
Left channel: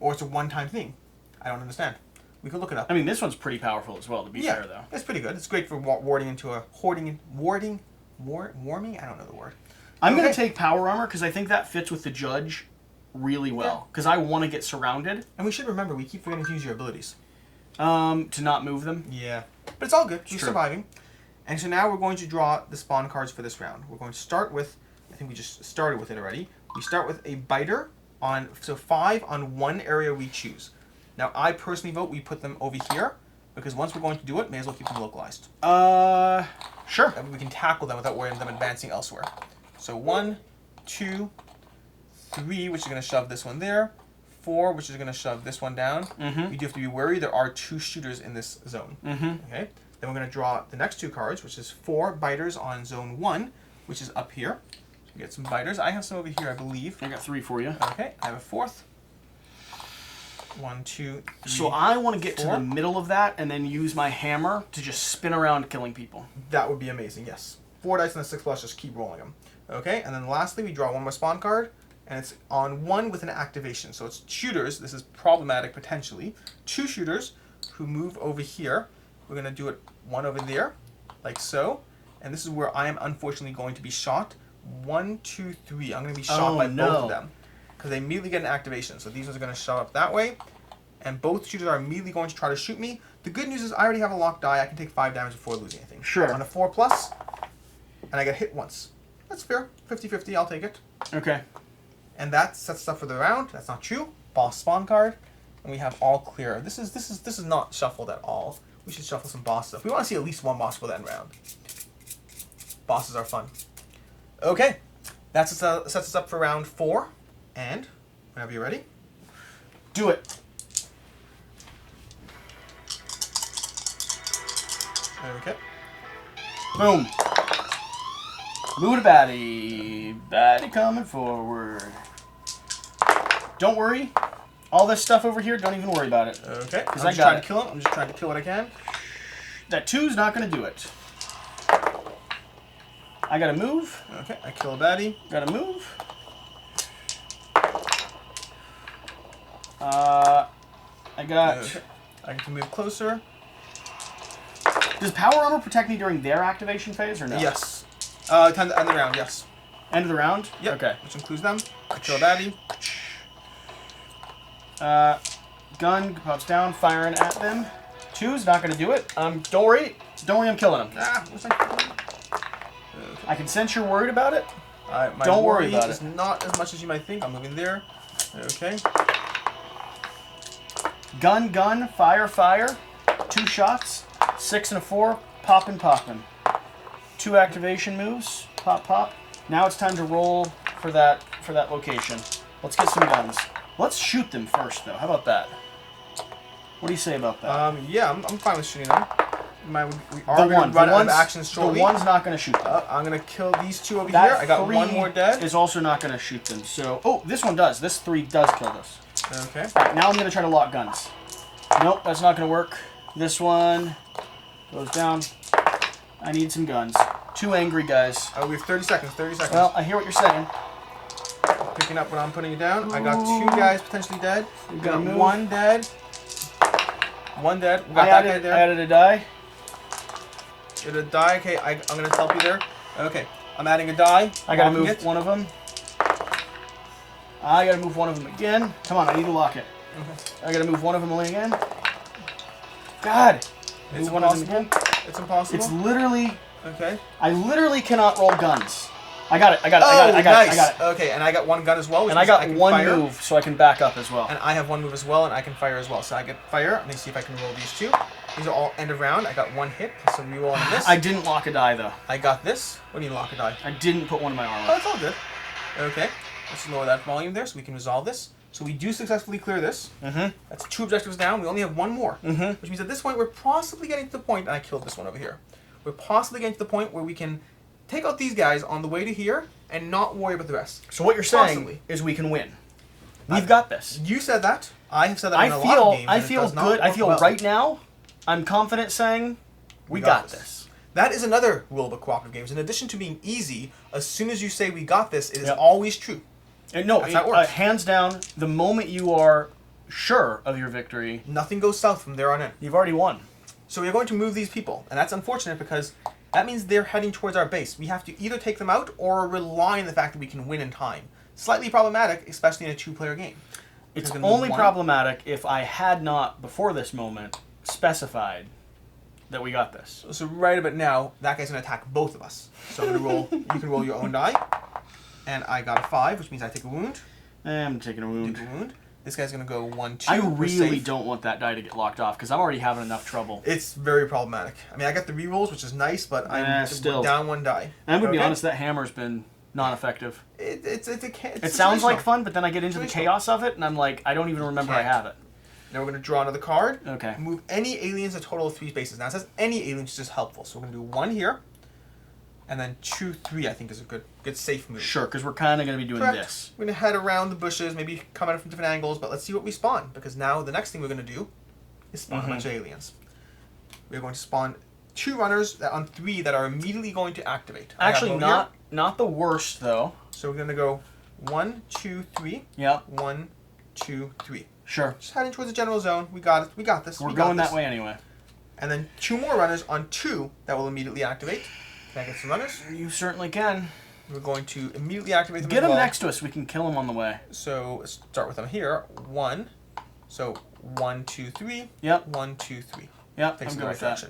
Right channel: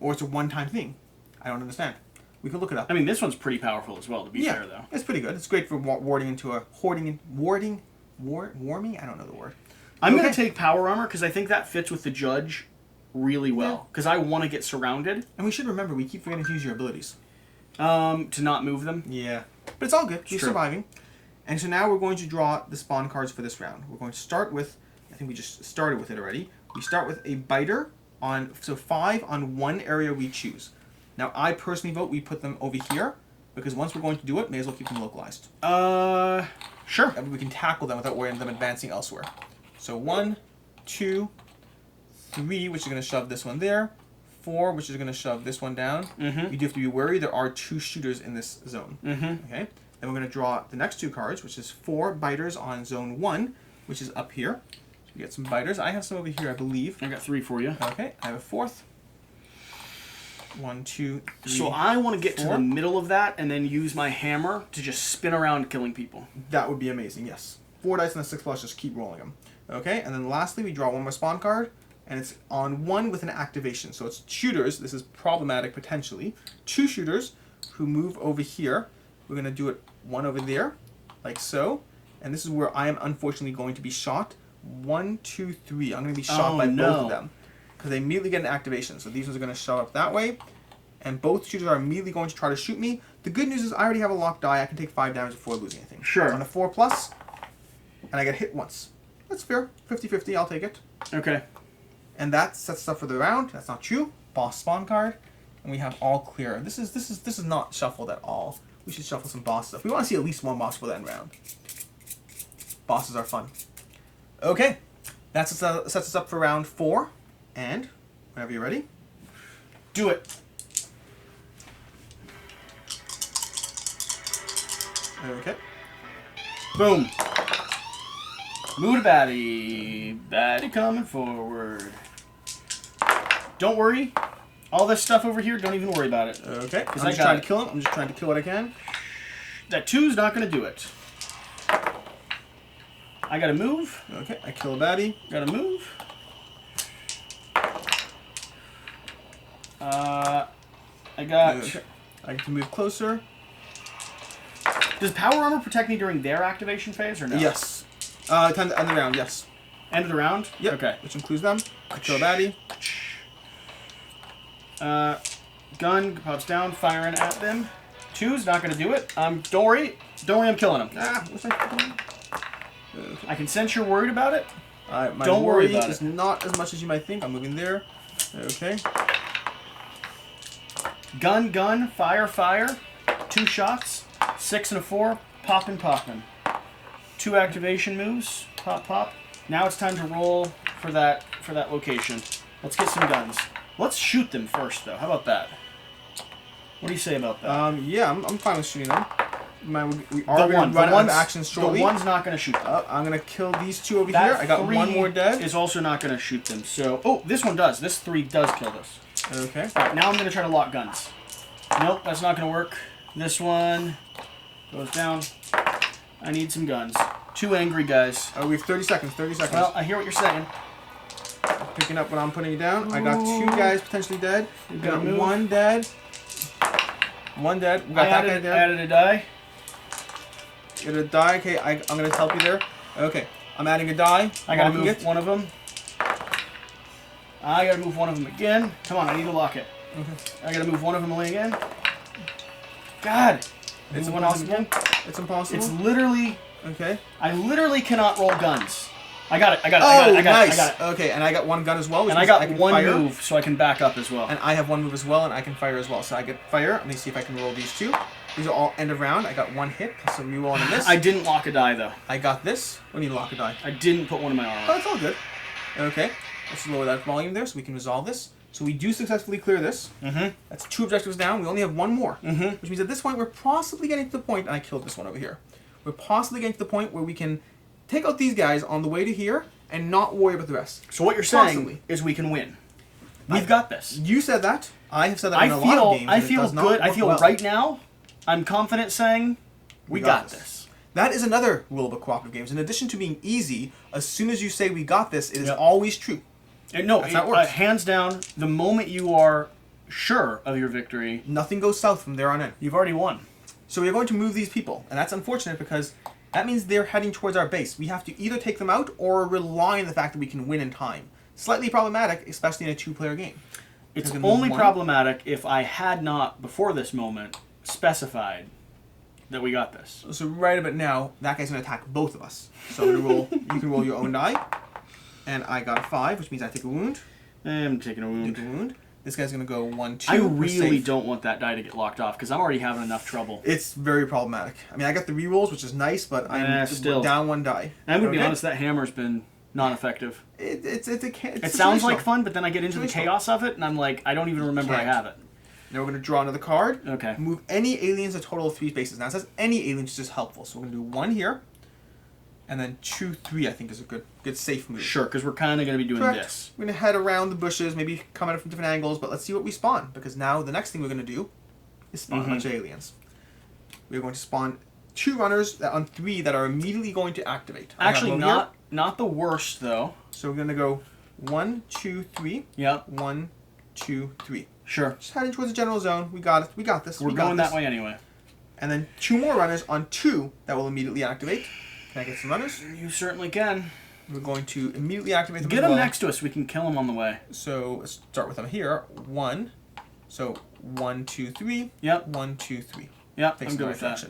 Or it's a one-time thing? I don't understand. We could look it up. I mean, this one's pretty powerful as well, to be fair, though. It's pretty good. It's great for warding into a... Warming? I don't know the word. I'm going to take power armor, because I think that fits with the judge really well. Because I want to get surrounded. And we should remember, we keep forgetting to use your abilities. To not move them? Yeah. But it's all good. We're surviving. And so now we're going to draw the spawn cards for this round. We're going to start with... I think we just started with it already. We start with a biter on... So 5 on one area we choose. Now, I personally vote we put them over here. Because once we're going to do it, may as well keep them localized. Sure. And we can tackle them without worrying them advancing elsewhere. So 1, 2, 3, which is going to shove this one there. 4, which is going to shove this one down. You do have to be wary. There are 2 shooters in this zone. Okay. Then we're going to draw the next 2 cards, which is 4 biters on zone 1, which is up here. So we get some biters. I have some over here, I believe. I got 3 for you. Okay. I have a 4th. 1, 2, 3. So I want to get 4. to the middle of that and then use my hammer to just spin around killing people. That would be amazing, yes. 4 dice and a 6+, just keep rolling them. Okay, and then lastly, we draw 1 more spawn card, and it's on 1 with an activation. So it's shooters. This is problematic, potentially. 2 shooters who move over here. We're going to do it 1 over there, like so. And this is where I am unfortunately going to be shot. 1, 2, 3. I'm going to be shot by both of them. Because they immediately get an activation. So these ones are going to shove up that way. And both shooters are immediately going to try to shoot me. The good news is I already have a locked die. I can take 5 damage before losing anything. Sure. On a 4+, and I get hit once. That's fair. 50-50, I'll take it. Okay. And that sets us up for the round. That's not true. Boss spawn card. And we have all clear. This is not shuffled at all. We should shuffle some boss stuff. We want to see at least 1 boss for that round. Bosses are fun. Okay. That sets us up for round 4. And whenever you're ready, do it. Okay. Boom. Move to baddie. Baddie coming forward. Don't worry. All this stuff over here, don't even worry about it. Okay. I'm just trying to kill him. I'm just trying to kill what I can. That 2's not going to do it. I got to move. Okay. I kill a baddie. Got to move. I got... Okay. I get to move closer. Does power armor protect me during their activation phase or no? Yes. Time to end the round, yes. End of the round? Yep. Okay. Which includes them. I kill a baddie. Gun pops down, firing at them. 2's not going to do it. Don't worry. Don't worry, I'm killing him. What's that? Okay. I can sense you're worried about it. My Don't worry worry about is it. not as much as you might think. I'm moving there. Okay. Gun, fire. 2 shots. 6 and a 4. Poppin'. 2 activation moves. Pop. Now it's time to roll for that location. Let's get some guns. Let's shoot them first, though. How about that? What do you say about that? Yeah, I'm fine with shooting them. We are going to run out of action shortly. The one's not going to shoot them. I'm going to kill these 2 over here. I got 1 more dead. Is also not going to shoot them. So, oh, this one does. This 3 does kill this. Okay. All right, now I'm going to try to lock guns. Nope, that's not going to work. This one goes down. I need some guns. 2 angry guys. We have 30 seconds. 30 seconds. Well, I hear what you're saying. Picking up when I'm putting it down. I got 2 guys potentially dead. We got move. 1 dead. 1 dead. We got that guy dead. I added a die. Get a die. Okay, I'm going to help you there. Okay, I'm adding a die. I got to move one of them. I got to move one of them again. Come on, I need to lock it. I got to move one of them again. God. It's one of them impossible. again. It's impossible. It's literally... Okay. I literally cannot roll guns. I got it. I Nice. got it. Okay, and I got 1 gun as well. And I got 1 fire. move, so I can back up as well. And I have 1 move as well, and I can fire as well. So I get fire. Let me see if I can roll these 2. These are all end of round. I got 1 hit, plus a reroll on this. I didn't lock a die, though. I got this. What do you mean lock a die? I didn't put one in my armor. Oh, it's all good. Okay. Let's lower that volume there so we can resolve this. So we do successfully clear this. That's 2 objectives down. We only have 1 more. Which means at this point, we're possibly getting to the point, and I killed this one over here. We're possibly getting to the point where we can take out these guys on the way to here and not worry about the rest. So what you're saying is we can win. We've got this. You said that. I have said that in a lot of games. I feel good. I feel right now, I'm confident saying we got this. That is another rule about cooperative games. In addition to being easy, as soon as you say we got this, it is always true. And no, hands down, the moment you are sure of your victory, nothing goes south from there on in. You've already won. So we are going to move these people, and that's unfortunate because that means they're heading towards our base. We have to either take them out or rely on the fact that we can win in time. Slightly problematic, especially in a 2-player game. It's only problematic if I had not, before this moment, specified that we got this. So right about now, that guy's going to attack both of us. So I'm going to roll. You can roll your own die. And I got a 5, which means I take a wound. I'm taking a wound. Take a wound. This guy's going to go 1, 2. I really don't want that die to get locked off because I'm already having enough trouble. It's very problematic. I mean, I got the rerolls, which is nice, but I'm still down 1 die. And I'm going to be honest, that hammer's been non-effective. It sounds like fun, but then I get into the chaos of it, and I'm like, I don't even remember I have it. Now we're going to draw another card. Okay. Move any aliens a total of 3 spaces. Now it says any aliens, which is helpful. So we're going to do 1 here. And then 2, 3, I think is a good safe move. Sure, because we're kind of going to be doing this. We're going to head around the bushes, maybe come at it from different angles, but let's see what we spawn. Because now the next thing we're going to do is spawn a bunch of aliens. We're going to spawn 2 runners on 3 that are immediately going to activate. Actually, not the worst, though. So we're going to go 1, 2, 3. Yep. 1, 2, 3. Sure. Just heading towards the general zone. We got it. We got this. We're going that way anyway. And then 2 more runners on 2 that will immediately activate. Can I get some runners? You certainly can. We're going to immediately activate them. Get them next to us. We can kill them on the way. So let's start with them here. 1. So 1, 2, 3. Yep. 1, 2, 3. Yep. Thanks I'm good with that.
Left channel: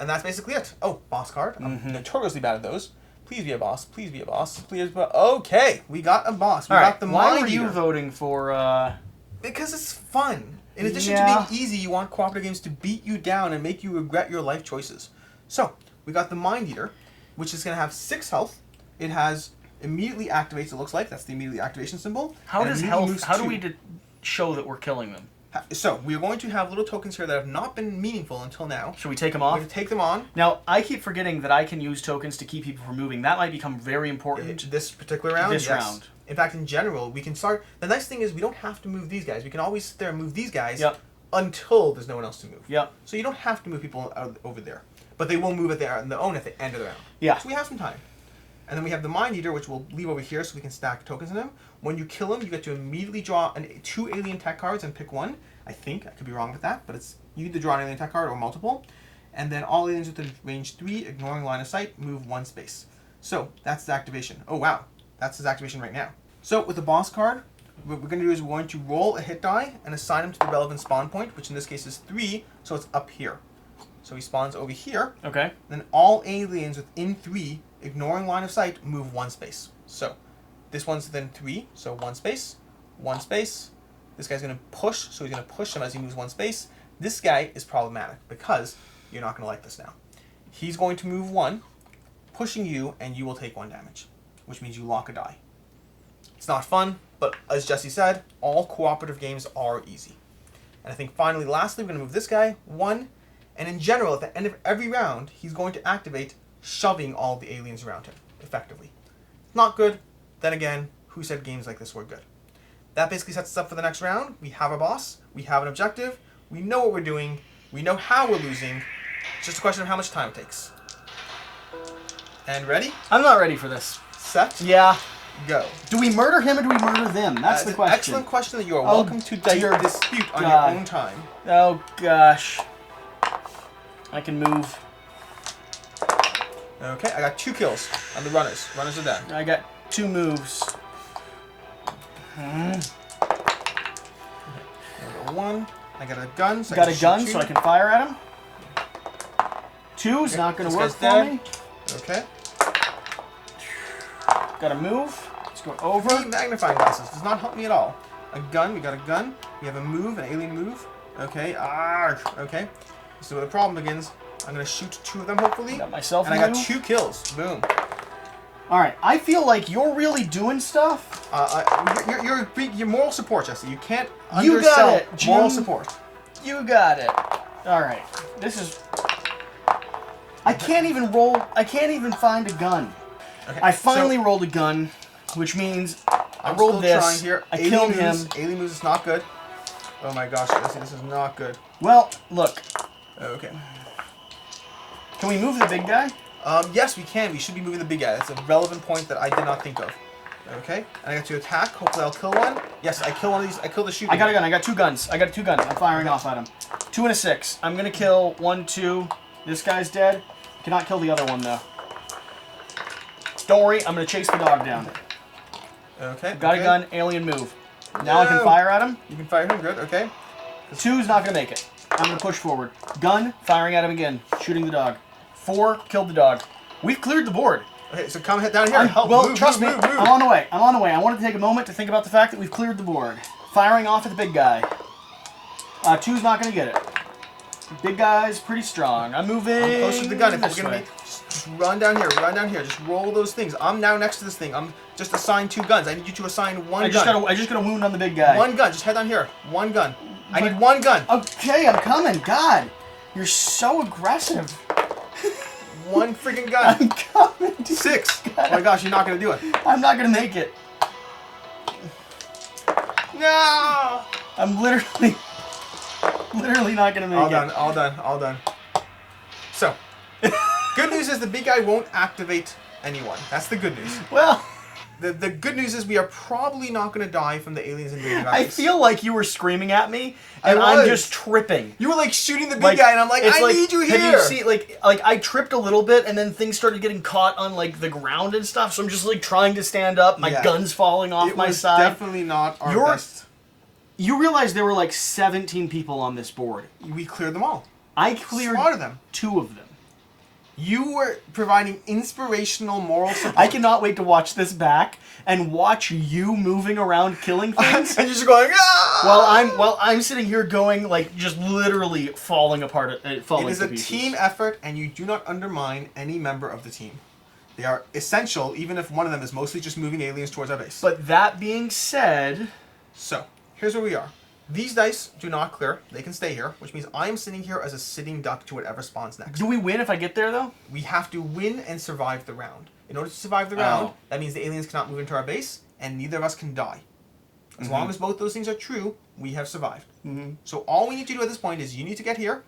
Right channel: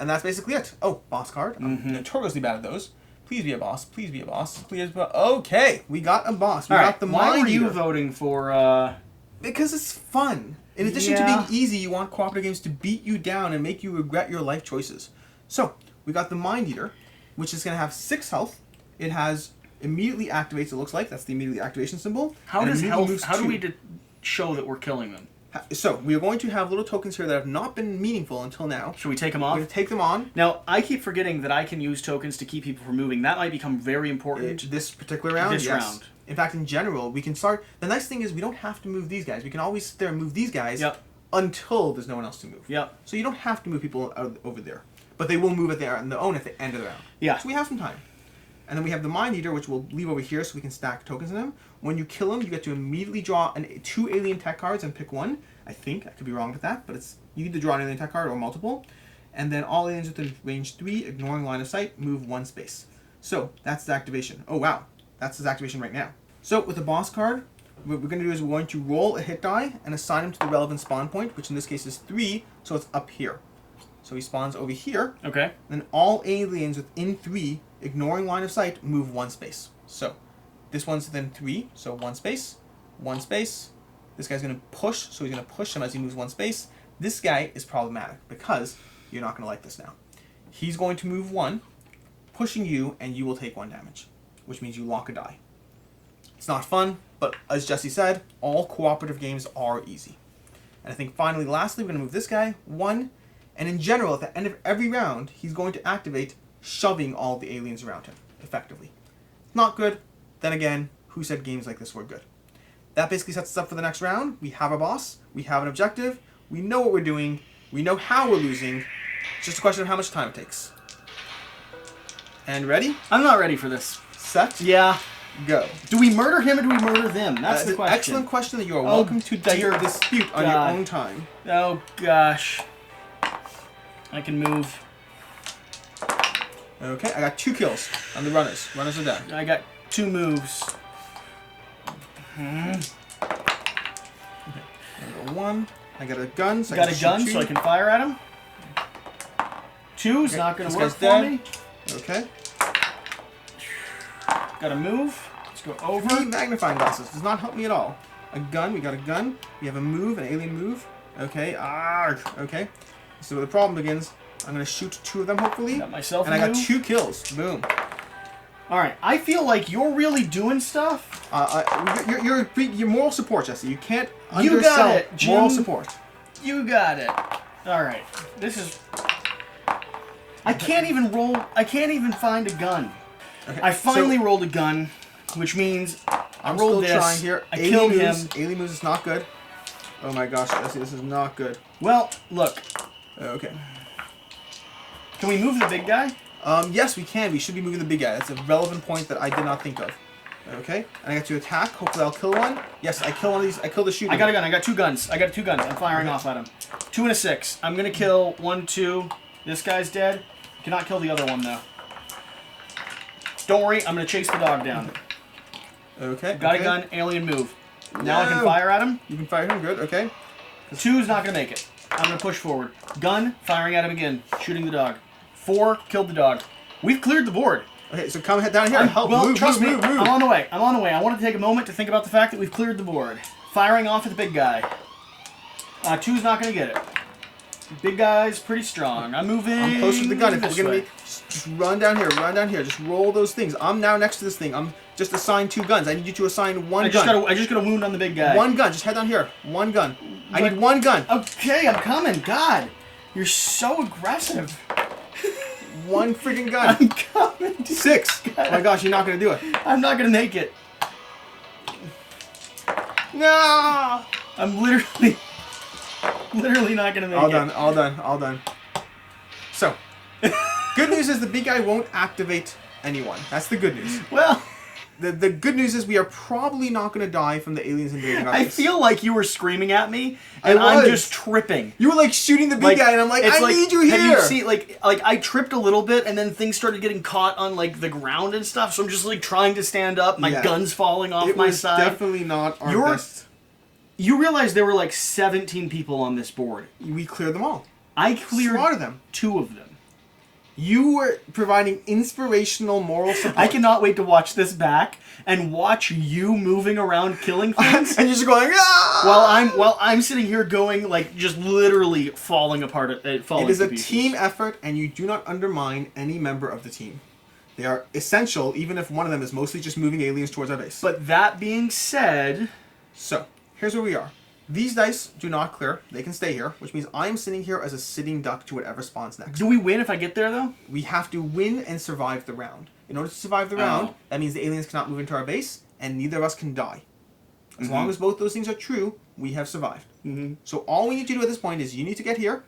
And that's basically it. Oh, boss card. I'm notoriously bad at those. Please be a boss. Please be a boss. Please be a... Okay, we got a boss. We got the mind Why were eater. you voting for... Because it's fun. In addition to being easy, you want cooperative games to beat you down and make you regret your life choices. So, we got the Mind Eater, which is going to have 6 health. It has immediately activates, it looks like. That's the immediately activation symbol. How does health... How do we show that we're killing them? So, we are going to have little tokens here that have not been meaningful until now. Should we take them off? We're going to take them on. Now, I keep forgetting that I can use tokens to keep people from moving. That might become very important. This particular round? This round. In fact, in general, we can start... The nice thing is we don't have to move these guys. We can always sit there and move these guys until there's no one else to move. Yep. So you don't have to move people over there. But they will move on their own at the end of the round. Yeah. So we have some time. And then we have the Mind Eater, which we'll leave over here so we can stack tokens in him. When you kill him, you get to immediately draw 2 alien tech cards and pick one. I think. I could be wrong with that, but you either draw an alien tech card or multiple. And then all aliens within range 3, ignoring line of sight, move 1 space. So that's the activation. Oh, wow. That's his activation right now. So with the boss card, what we're going to do is we're going to roll a hit die and assign him to the relevant spawn point, which in this case is 3, so it's up here. So he spawns over here. Okay. Then all aliens within 3, ignoring line of sight, move 1 space. So this one's within 3, so 1 space, 1 space. This guy's going to push, so he's going to push him as he moves 1 space. This guy is problematic because you're not going to like this now. He's going to move 1, pushing you, and you will take 1 damage, which means you lock a die. It's not fun, but as Jesse said, all cooperative games are easy. And I think finally, lastly, we're going to move this guy 1, and in general, at the end of every round, he's going to activate shoving all the aliens around him, effectively. Not good. Then again, who said games like this were good? That basically sets us up for the next round. We have a boss. We have an objective. We know what we're doing. We know how we're losing. It's just a question of how much time it takes. And ready? I'm not ready for this. Set. Yeah. Go. Do we murder him or do we murder them? That's the question. Excellent question that you are welcome to dispute on your own time. Oh, gosh. I can move. Okay, I got 2 kills on the runners. Runners are dead. I got 2 moves. Okay. I got 1. I got a gun. So so I can fire at him. 2's not going to work for me. Okay. Got to move. Let's go over. 3 magnifying glasses. Does not help me at all. A gun. We got a gun. We have a move, an alien move. Okay. Okay. So where the problem begins. I'm going to shoot 2 of them, hopefully. Got myself and I got 2 kills. Boom. All right. I feel like you're really doing stuff. You're moral support, Jesse. You can't undersell moral support. You got it. All right. This is... I can't even roll... I can't even find a gun. Okay, I finally rolled a gun, which means I rolled this. Trying here. I killed him. Alien moves is not good. Oh my gosh, Jesse, this is not good. Well, look. Okay. Can we move the big guy? Yes, we can. We should be moving the big guy. That's a relevant point that I did not think of. Okay. And I got to attack. Hopefully I'll kill one. Yes, I kill one of these. I kill the shooter. I got a gun. I got 2 guns. I'm firing off at him. 2 and a 6. I'm going to kill 1, 2. This guy's dead. Cannot kill the other one, though. Don't worry. I'm going to chase the dog down. Okay. Got a gun. Alien move. Now I can fire at him. You can fire him. Good. Okay. 2's not going to make it. I'm going to push forward. Gun. Firing at him again. Shooting the dog. 4. Killed the dog. We've cleared the board. Okay, so come down here and help. Well, trust me. Move. I'm on the way. I wanted to take a moment to think about the fact that we've cleared the board. Firing off at the big guy. 2's not going to get it. Big guy's pretty strong. I'm moving. I'm closer to the gun. If this we're gonna way. be, just run down here. Run down here. Just roll those things. I'm now next to this thing. I'm just assigned 2 guns. I need you to assign one gun. I just got a wound on the big guy. One gun. Just head down here. One gun. I need 1 gun. Okay, I'm coming. God, you're so aggressive. 1 freaking gun. I'm coming. Dude. 6. Oh my gosh, you're not gonna do it. I'm not gonna make it. No. I'm literally not gonna make it. All done. All done. All done. So, good news is the big guy won't activate anyone. That's the good news. Well. The good news is we are probably not going to die from the aliens invading our I base. feel like you were screaming at me, and I I'm was. just tripping. You were like shooting the big guy, and I'm like, I need you here. Have you seen like I tripped a little bit, and then things started getting caught on like the ground and stuff. So I'm just like trying to stand up. My gun's falling off my side. Definitely not our best. You realize there were like 17 people on this board. We cleared them all. I cleared Slaughtered them. 2 of them. You were providing inspirational moral support. I cannot wait to watch this back and watch you moving around killing things. And you're just going, ah! While I'm sitting here going like just literally falling apart. Falling It is to a pieces. team effort, and you do not undermine any member of the team. They are essential, even if one of them is mostly just moving aliens towards our base. But that being said, So, here's where we are. These dice do not clear. They can stay here, which means I am sitting here as a sitting duck to whatever spawns next. do we win if I get there though? We have to win and survive the round. In order to survive the round, that means the aliens cannot move into our base, and neither of us can die. As long as both those things are true, we have survived. So all we need to do at this point is you need to get here,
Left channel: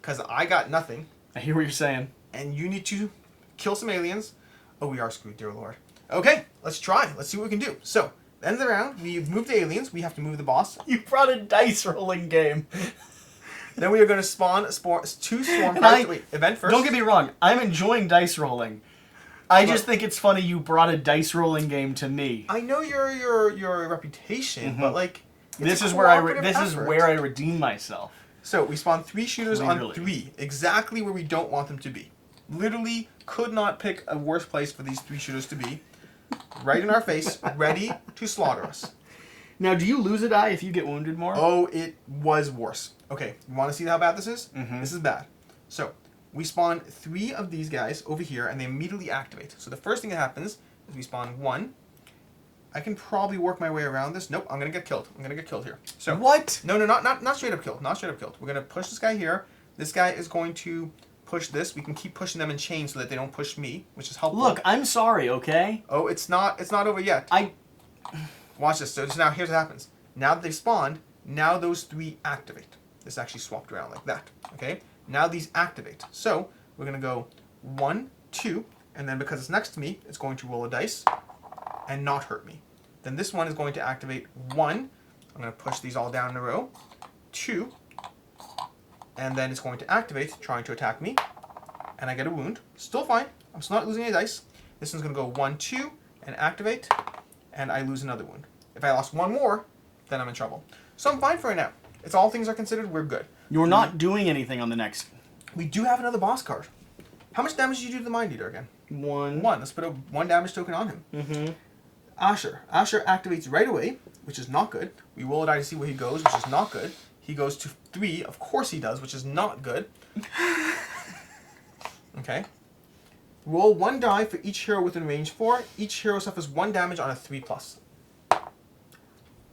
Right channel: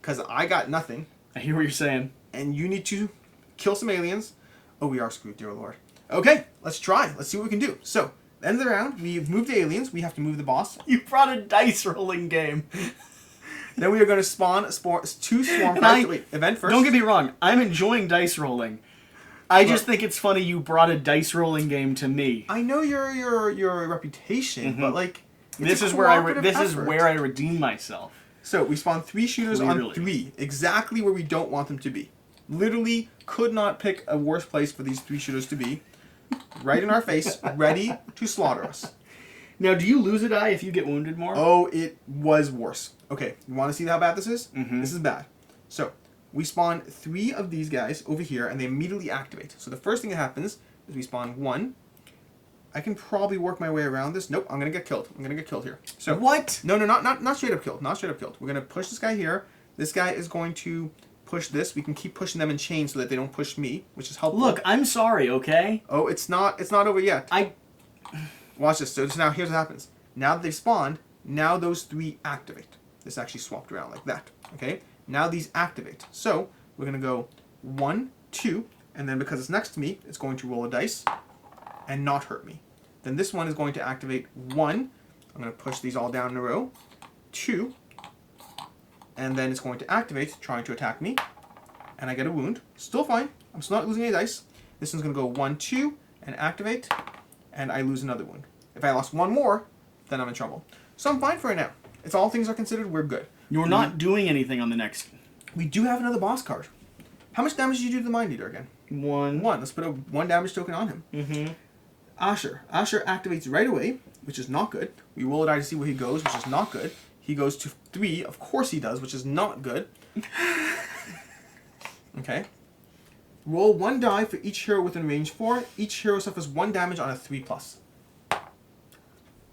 because I got nothing. I hear what you're saying. And you need to kill some aliens. Oh, we are screwed, dear Lord. Okay, let's try. Let's see what we can do. So, end of the round, we move the aliens. We have to move the boss. You brought a dice rolling game. Then we are going to spawn 2 swarm cards. Wait, event first. Don't get me wrong. I'm enjoying dice rolling. I just think it's funny you brought a dice rolling game to me. I know your reputation, but like This is where I redeem myself. So we spawn 3 shooters on Clearly. 3, exactly where we don't want them to be. Literally could not pick a worse place for these 3 shooters to be. Right in our face, ready to slaughter us. Now, do you lose a die if you get wounded more? Oh, it was worse. Okay, you want to see how bad this is? This is bad. So, we spawn 3 of these guys over here, and they immediately activate. So the first thing that happens is we spawn 1. I can probably work my way around this. Nope, I'm going to get killed. I'm going to get killed here. So what? No, not straight up killed. Not straight up killed. We're going to push this guy here. This guy is going to push this. We can keep pushing them in chains so that they don't push me, which is helpful. Look, I'm sorry, okay? Oh, it's not over yet. Watch this. So now here's what happens. Now that they've spawned, now those 3 activate. This actually swapped around like that. Okay? Now these activate. So we're going to go 1, 2, and then because it's next to me, it's going to roll a dice and not hurt me. Then this one is going to activate 1. I'm going to push these all down in a row. 2. And then it's going to activate, trying to attack me. And I get a wound. Still fine. I'm still not losing any dice. This one's going to go 1, 2, and activate. And I lose another wound. If I lost 1 more, then I'm in trouble. So I'm fine for right now. It's all things are considered, we're good. You're not doing anything on the next. We do have another boss card. How much damage did you do to the Mind Eater again? 1. 1. Let's put a 1 damage token on him. Asher. Asher activates right away, which is not good. We roll a die to see where he goes, which is not good. He goes to 3. Of course he does, which is not good. Okay. Roll 1 die for each hero within range 4. Each hero suffers 1 damage on a 3+.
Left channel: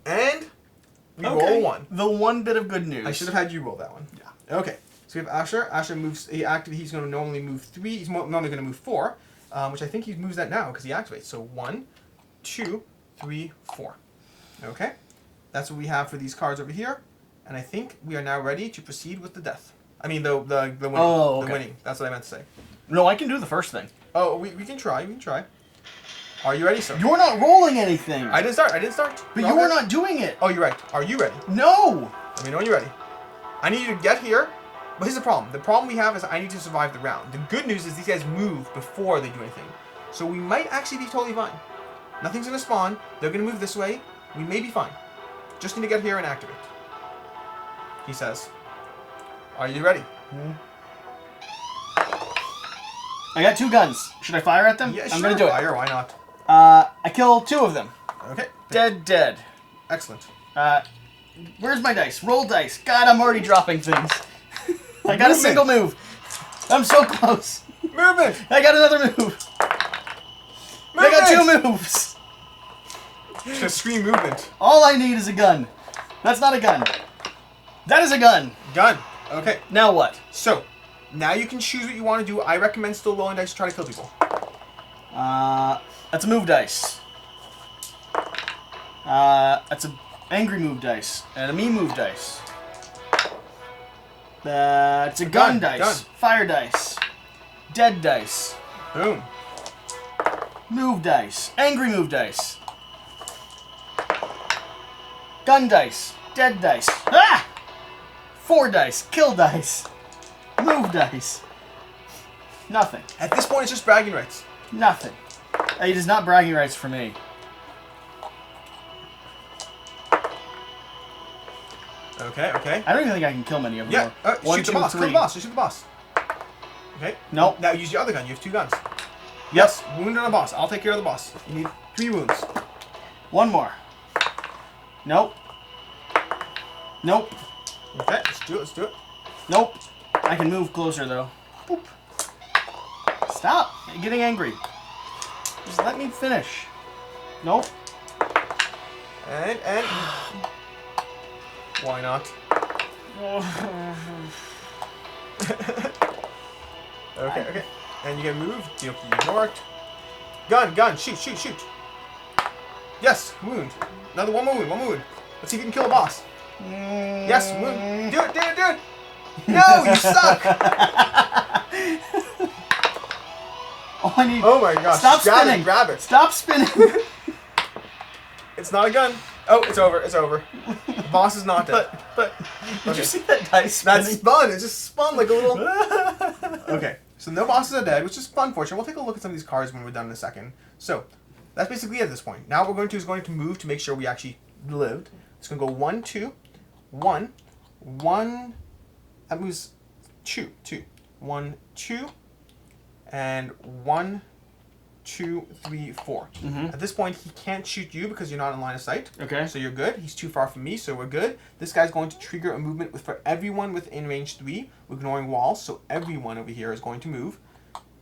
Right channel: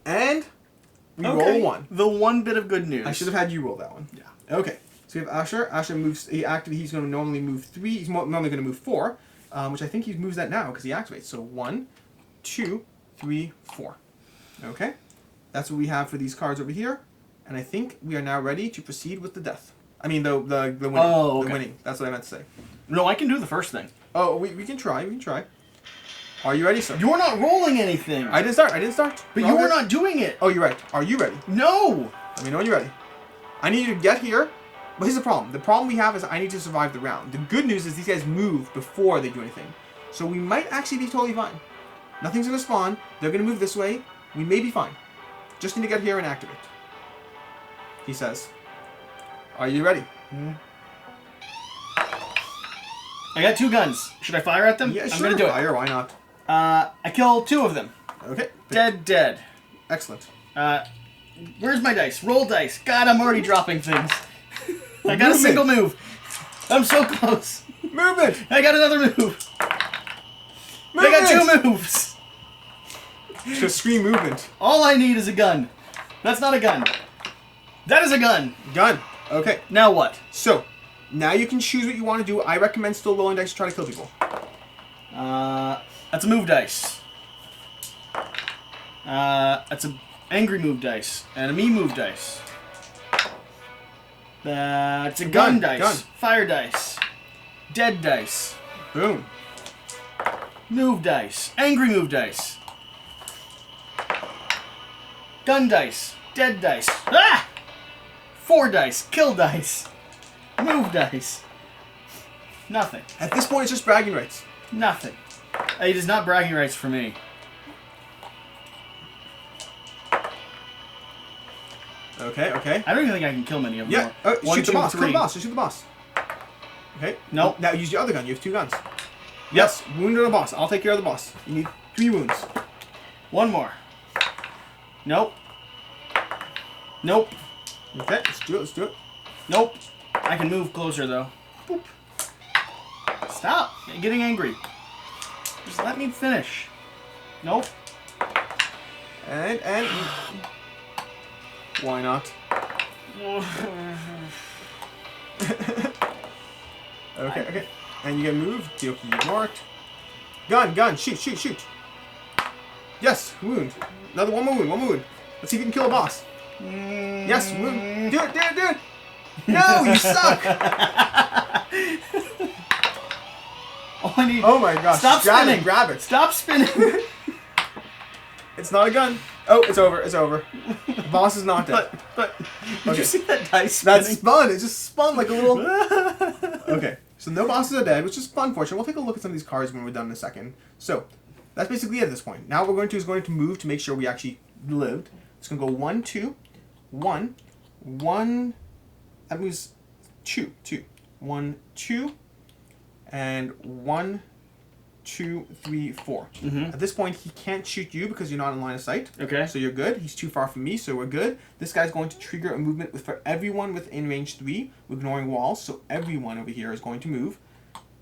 And we roll 1. The one bit of good news. I should have had you roll that one. Yeah. Okay. So we have Asher. Asher moves. He's going to normally move 3. He's normally going to move 4, which I think he moves that now because he activates. So 1, 2, 3, 4. Okay. That's what we have for these cards over here. And I think we are now ready to proceed with the death. I mean, the winning. Oh, okay. The winning. That's what I meant to say. No, I can do the first thing. Oh, we can try. We can try. Are you ready, sir? You're not rolling anything. I didn't start. But you are not doing it. Oh, you're right. Are you ready? No. Let me know when you're ready. I need you to get here. But here's the problem. The problem we have is I need to survive the round. The good news is these guys move before they do anything. So we might actually be totally fine. Nothing's going to spawn. They're going to move this way. We may be fine. Just need to get here and activate. He says. Are you ready? I got 2 guns. Should I fire at them? Yeah, I'm gonna do fire. Why not? I killed 2 of them. Okay. Dead. Excellent. Where's my dice? Roll dice. God, I'm already dropping things. I got a single move. I'm so close. Movement. I got another move. I got 2 moves. Just scream movement. All I need is a gun. That's not a gun. That is a gun. Gun. Okay. Now what? So, now you can choose what you want to do. I recommend still rolling dice to try to kill people. That's a move dice. That's a angry move dice. And a me move dice. It's a gun dice. Gun. Fire dice. Dead dice. Boom. Move dice. Angry move dice. Gun dice. Dead dice. Ah! 4 dice. Kill dice. Move dice. Nothing. At this point, it's just bragging rights. Nothing. It is not bragging rights for me. Okay, okay. I don't even think I can kill many of them. Yeah, One, shoot the two, boss. 3. Kill the boss. Just shoot the boss. Okay. Nope. Now use your other gun. You have 2 guns. Yes, wound on the boss. I'll take care of the boss. You need 3 wounds. 1 more. Nope. Nope. Okay, let's do it. Let's do it. Nope. I can move closer though. Boop. Stop getting angry. Just let me finish. Nope. And why not? Okay. And you get moved. You ignore it. Gun. Shoot. Yes, wound. One more wound. Let's see if you can kill a boss. Yes, wound. Do it. No, you suck. All I need. Oh my gosh. Stop spinning. Grab it. Stop spinning. It's not a gun. Oh, it's over. The boss is not dead. But did you see that dice spinning? That spun. It just spun like a little... Okay, so no bosses are dead, which is unfortunate. We'll take a look at some of these cards when we're done in a second. So, that's basically it at this point. Now what we're going to do is going to move to make sure we actually lived. It's going to go 1, 2, 1, 1... That moves 2. 1, 2, and 1, 2, 3, 4. At this point, he can't shoot you because you're not in line of sight. Okay. So you're good. He's too far from me, so we're good. This guy's going to trigger a movement for everyone within range 3, ignoring walls. So everyone over here is going to move,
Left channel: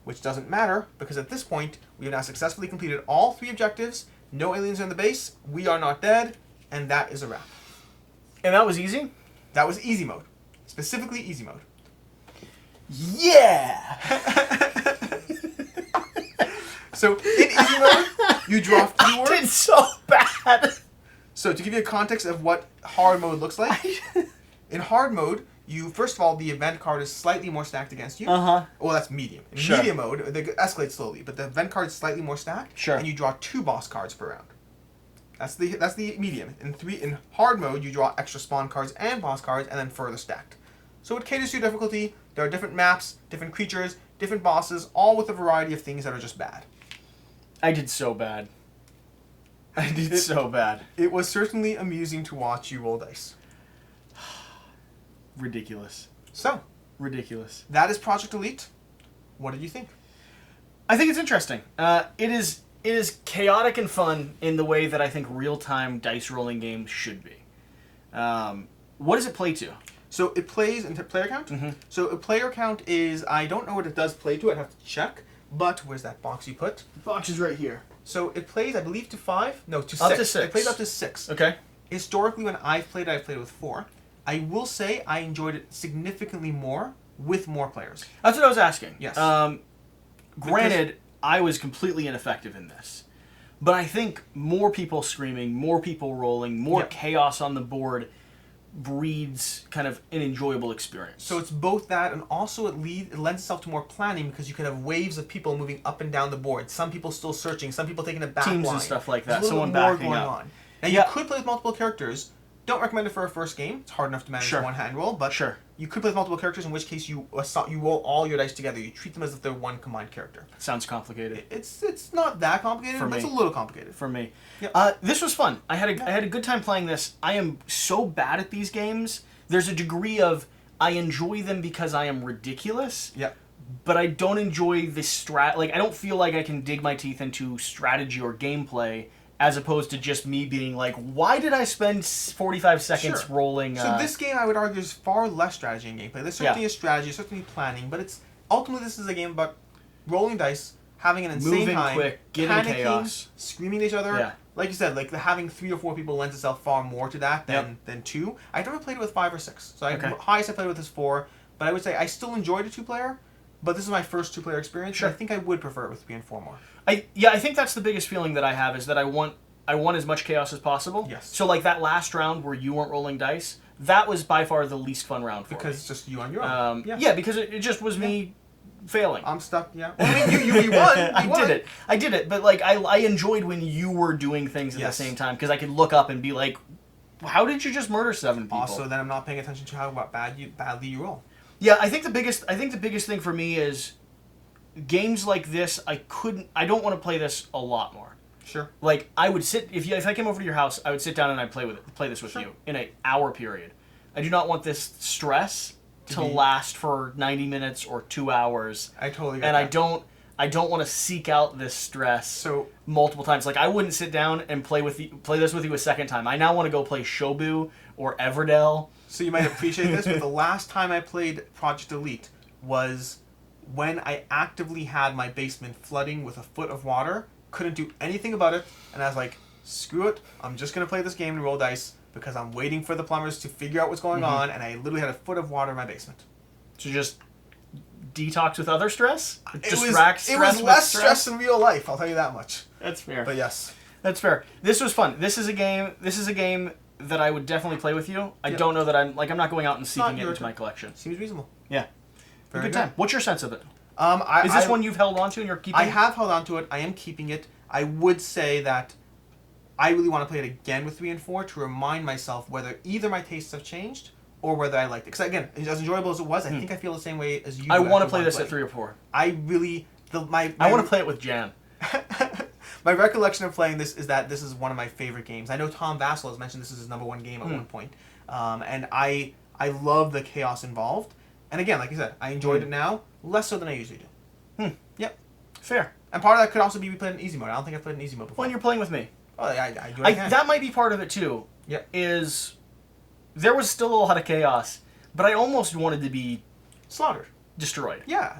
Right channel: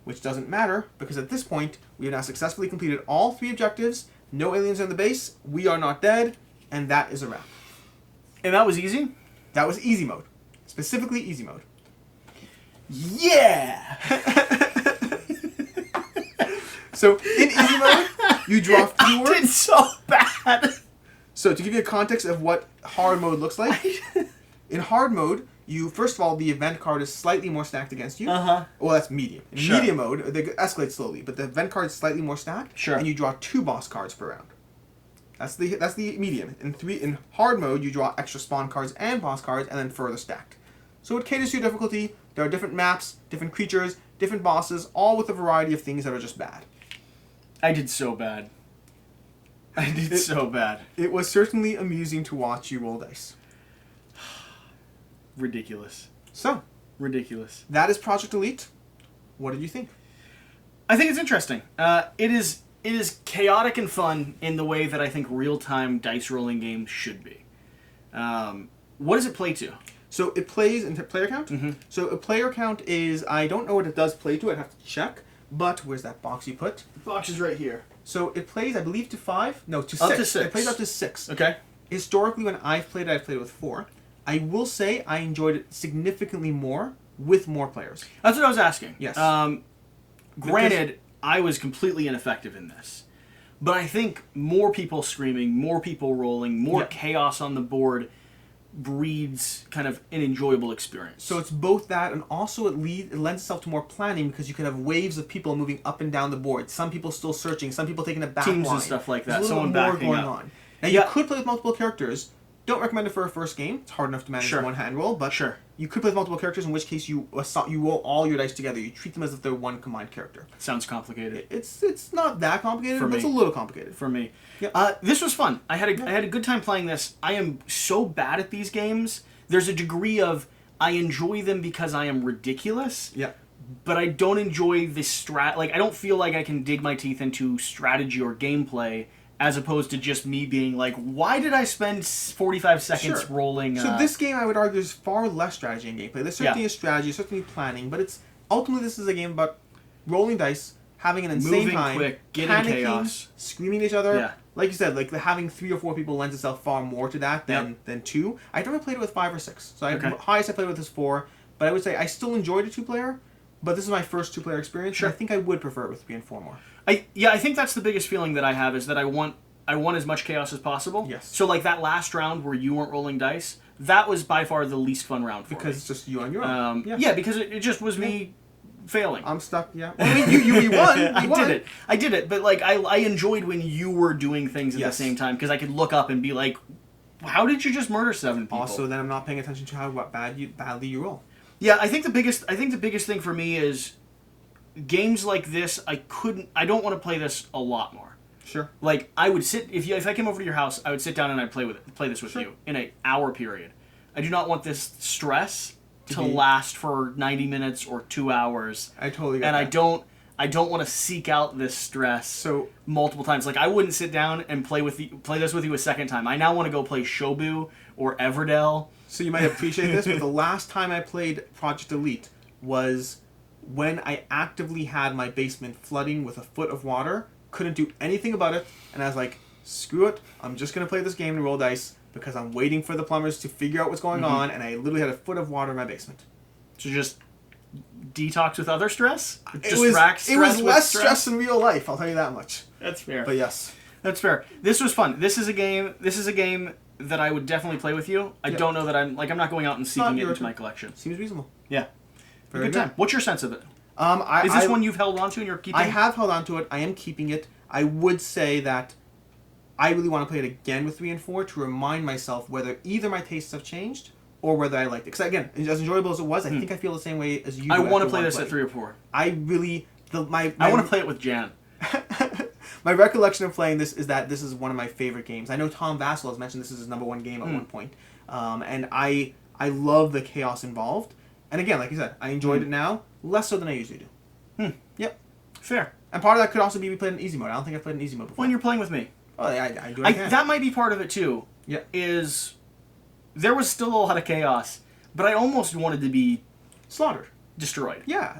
which doesn't matter because at this point, we have now successfully completed all 3 objectives. No aliens are in the base. We are not dead, and that is a wrap. And that was easy? That was easy mode. Specifically easy mode. Yeah! So, in easy mode, you draw fewer... I did so bad! So, to give you a context of what hard mode looks like, in hard mode, first of all, the event card is slightly more stacked against you. Uh-huh. Well, that's medium. In medium mode, they escalate slowly, but the event card is slightly more stacked, and you draw 2 boss cards per round. That's the medium. In hard mode, you draw extra spawn cards and boss cards, and then further stacked. So it caters to your difficulty. There are different maps, different creatures, different bosses, all with a variety of things that are just bad. I did so bad. So bad. It was certainly amusing to watch you roll dice. Ridiculous. So, ridiculous. That is Project Elite. What did you think? I think it's interesting. It is chaotic and fun in the way that I think real-time dice rolling games should be. What does it play to? So it plays into player count. So a player count is, I don't know what it does play to, I'd have to check. But where's that box you put? The box is right here. So it plays, I believe, to 5? No, to 6. Up to 6. It plays up to 6. Okay. Historically, when I've played it with 4. I will say I enjoyed it significantly more with more players. That's what I was asking. Yes. Granted, I was completely ineffective in this. But I think more people screaming, more people rolling, more chaos on the board breeds kind of an enjoyable experience. So it's both that, and also it lends itself to more planning because you could have waves of people moving up and down the board. Some people still searching, some people taking a back teams line. And stuff like that. There's Someone more backing going up. on. Now you could play with multiple characters. Don't recommend it for a first game. It's hard enough to manage one hand roll, but you could play with multiple characters. In which case you roll all your dice together. You treat them as if they're one combined character. Sounds complicated. It's not that complicated, but it's a little complicated for me. Yep. This was fun. I had a good time playing this. I am so bad at these games. There's a degree of I enjoy them because I am ridiculous. Yeah. But I don't enjoy the I don't feel like I can dig my teeth into strategy or gameplay as opposed to just me being like, why did I spend 45 seconds Sure. rolling? So this game, I would argue, is far less strategy and gameplay. There's certainly a strategy, certainly planning, but it's ultimately this is a game about rolling dice, having an insane Moving time, quick, getting panicking, chaos, screaming at each other. Yeah. Like you said, like having 3 or 4 people lends itself far more to that than 2. I've never played it with 5 or 6. So the highest I played with is 4. But I would say I still enjoyed a 2-player. But this is my first 2-player experience. Sure. And I think I would prefer it with 3 and 4 more. I think that's the biggest feeling that I have is that I want as much chaos as possible. Yes. So like that last round where you weren't rolling dice, that was by far the least fun round for me. Because it's just you on your own. Yeah, because it just was me failing. I'm stuck, yeah. Well, I mean, you won. I did it. But like I enjoyed when you were doing things at the same time because I could look up and be like, how did you just murder 7 people? Also, then I'm not paying attention to how badly you roll. Yeah, I think the biggest thing for me is games like this. I don't want to play this a lot more. Sure. Like I would sit if I came over to your house, I would sit down and I'd play this with you in an hour period. I do not want this stress to last for 90 minutes or 2 hours. I totally get and that. I don't want to seek out this stress multiple times. Like I wouldn't sit down and play this with you a second time. I now want to go play Shobu or Everdell. So you might appreciate this, but the last time I played Project Elite was when I actively had my basement flooding with a foot of water, couldn't do anything about it, and I was like, screw it, I'm just going to play this game and roll dice because I'm waiting for the plumbers to figure out what's going on, and I literally had a foot of water in my basement. So just detox with other stress? It was less stress in real life, I'll tell you that much. That's fair. But yes. That's fair. This was fun. This is a game that I would definitely play with you. I don't know that I'm not going out and seeking it into my collection. Seems reasonable. Yeah. Very good time. What's your sense of it? Is this one you've held on to and you're keeping? I have held on to it. I am keeping it. I would say that I really want to play it again with 3 and 4 to remind myself whether either my tastes have changed or whether I liked it. Because again, as enjoyable as it was, I think I feel the same way as you. I want to play this at 3 or 4. I really I want to play it with Jan. My recollection of playing this is that this is one of my favorite games. I know Tom Vassell has mentioned this is his #1 game at one point, and I love the chaos involved. And again, like you said, I enjoyed it now less so than I usually do. Yep. Fair. And part of that could also be we played in easy mode. I don't think I've played in easy mode before. When you're playing with me. Oh, I do what I can. That might be part of it too. Yeah. Is there was still a lot of chaos, but I almost wanted to be slaughtered. Destroyed. Yeah.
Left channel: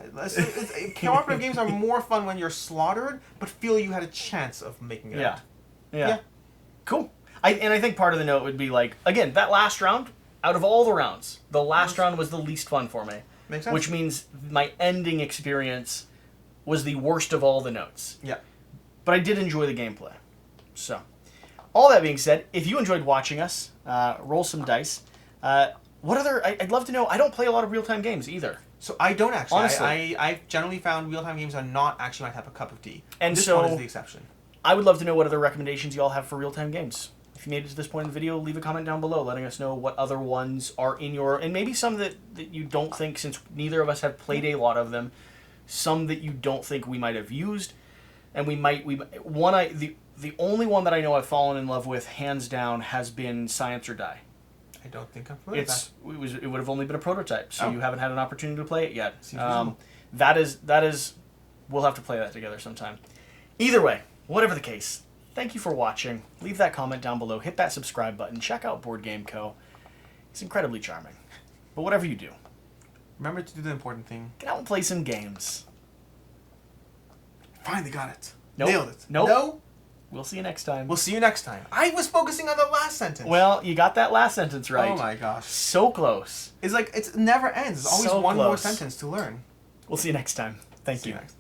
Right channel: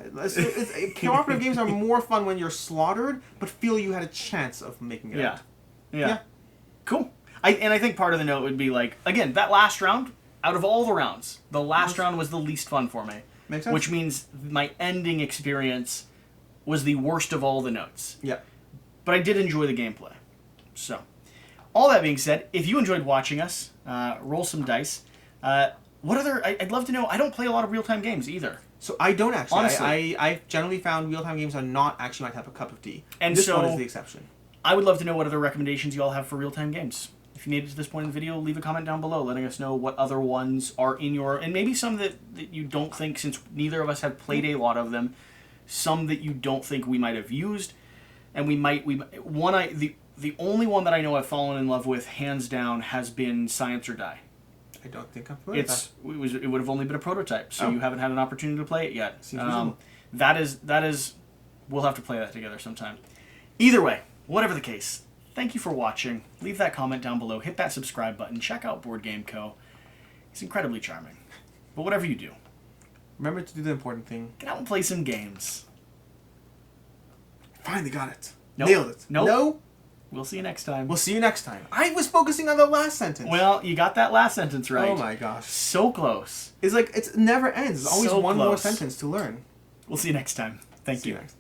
Cooperative games are more fun when you're slaughtered, but feel you had a chance of making it out. Yeah. Cool. I think part of the note would be like, again, that last round, out of all the rounds, the last round was the least fun for me. Makes sense. Which means my ending experience was the worst of all the notes. Yeah. But I did enjoy the gameplay. So, all that being said, if you enjoyed watching us, roll some dice. What other... I'd love to know... I don't play a lot of real-time games either. So I don't actually. Honestly. I've generally found real-time games are not actually my type of cup of tea. And this one is the exception. I would love to know what other recommendations you all have for real-time games. If you made it to this point in the video, leave a comment down below letting us know what other ones are in your... And maybe some that you don't think, since neither of us have played a lot of them, some that you don't think we might have used. And the only one that I know I've fallen in love with, hands down, has been Science or Die. I don't think I'm familiar with that. It would have only been a prototype, so you haven't had an opportunity to play it yet. Seems reasonable. That is, we'll have to play that together sometime. Either way, whatever the case, thank you for watching. Leave that comment down below. Hit that subscribe button. Check out BoardGameCo. He's incredibly charming. But whatever you do, remember to do the important thing. get out and play some games. Finally got it. Nope. Nailed it. Nope. No? We'll see you next time. We'll see you next time. I was focusing on the last sentence. Well, you got that last sentence right. Oh my gosh. So close. It's like, it never ends. There's always So one more close. sentence to learn. We'll see you next time. Thank you. See you next.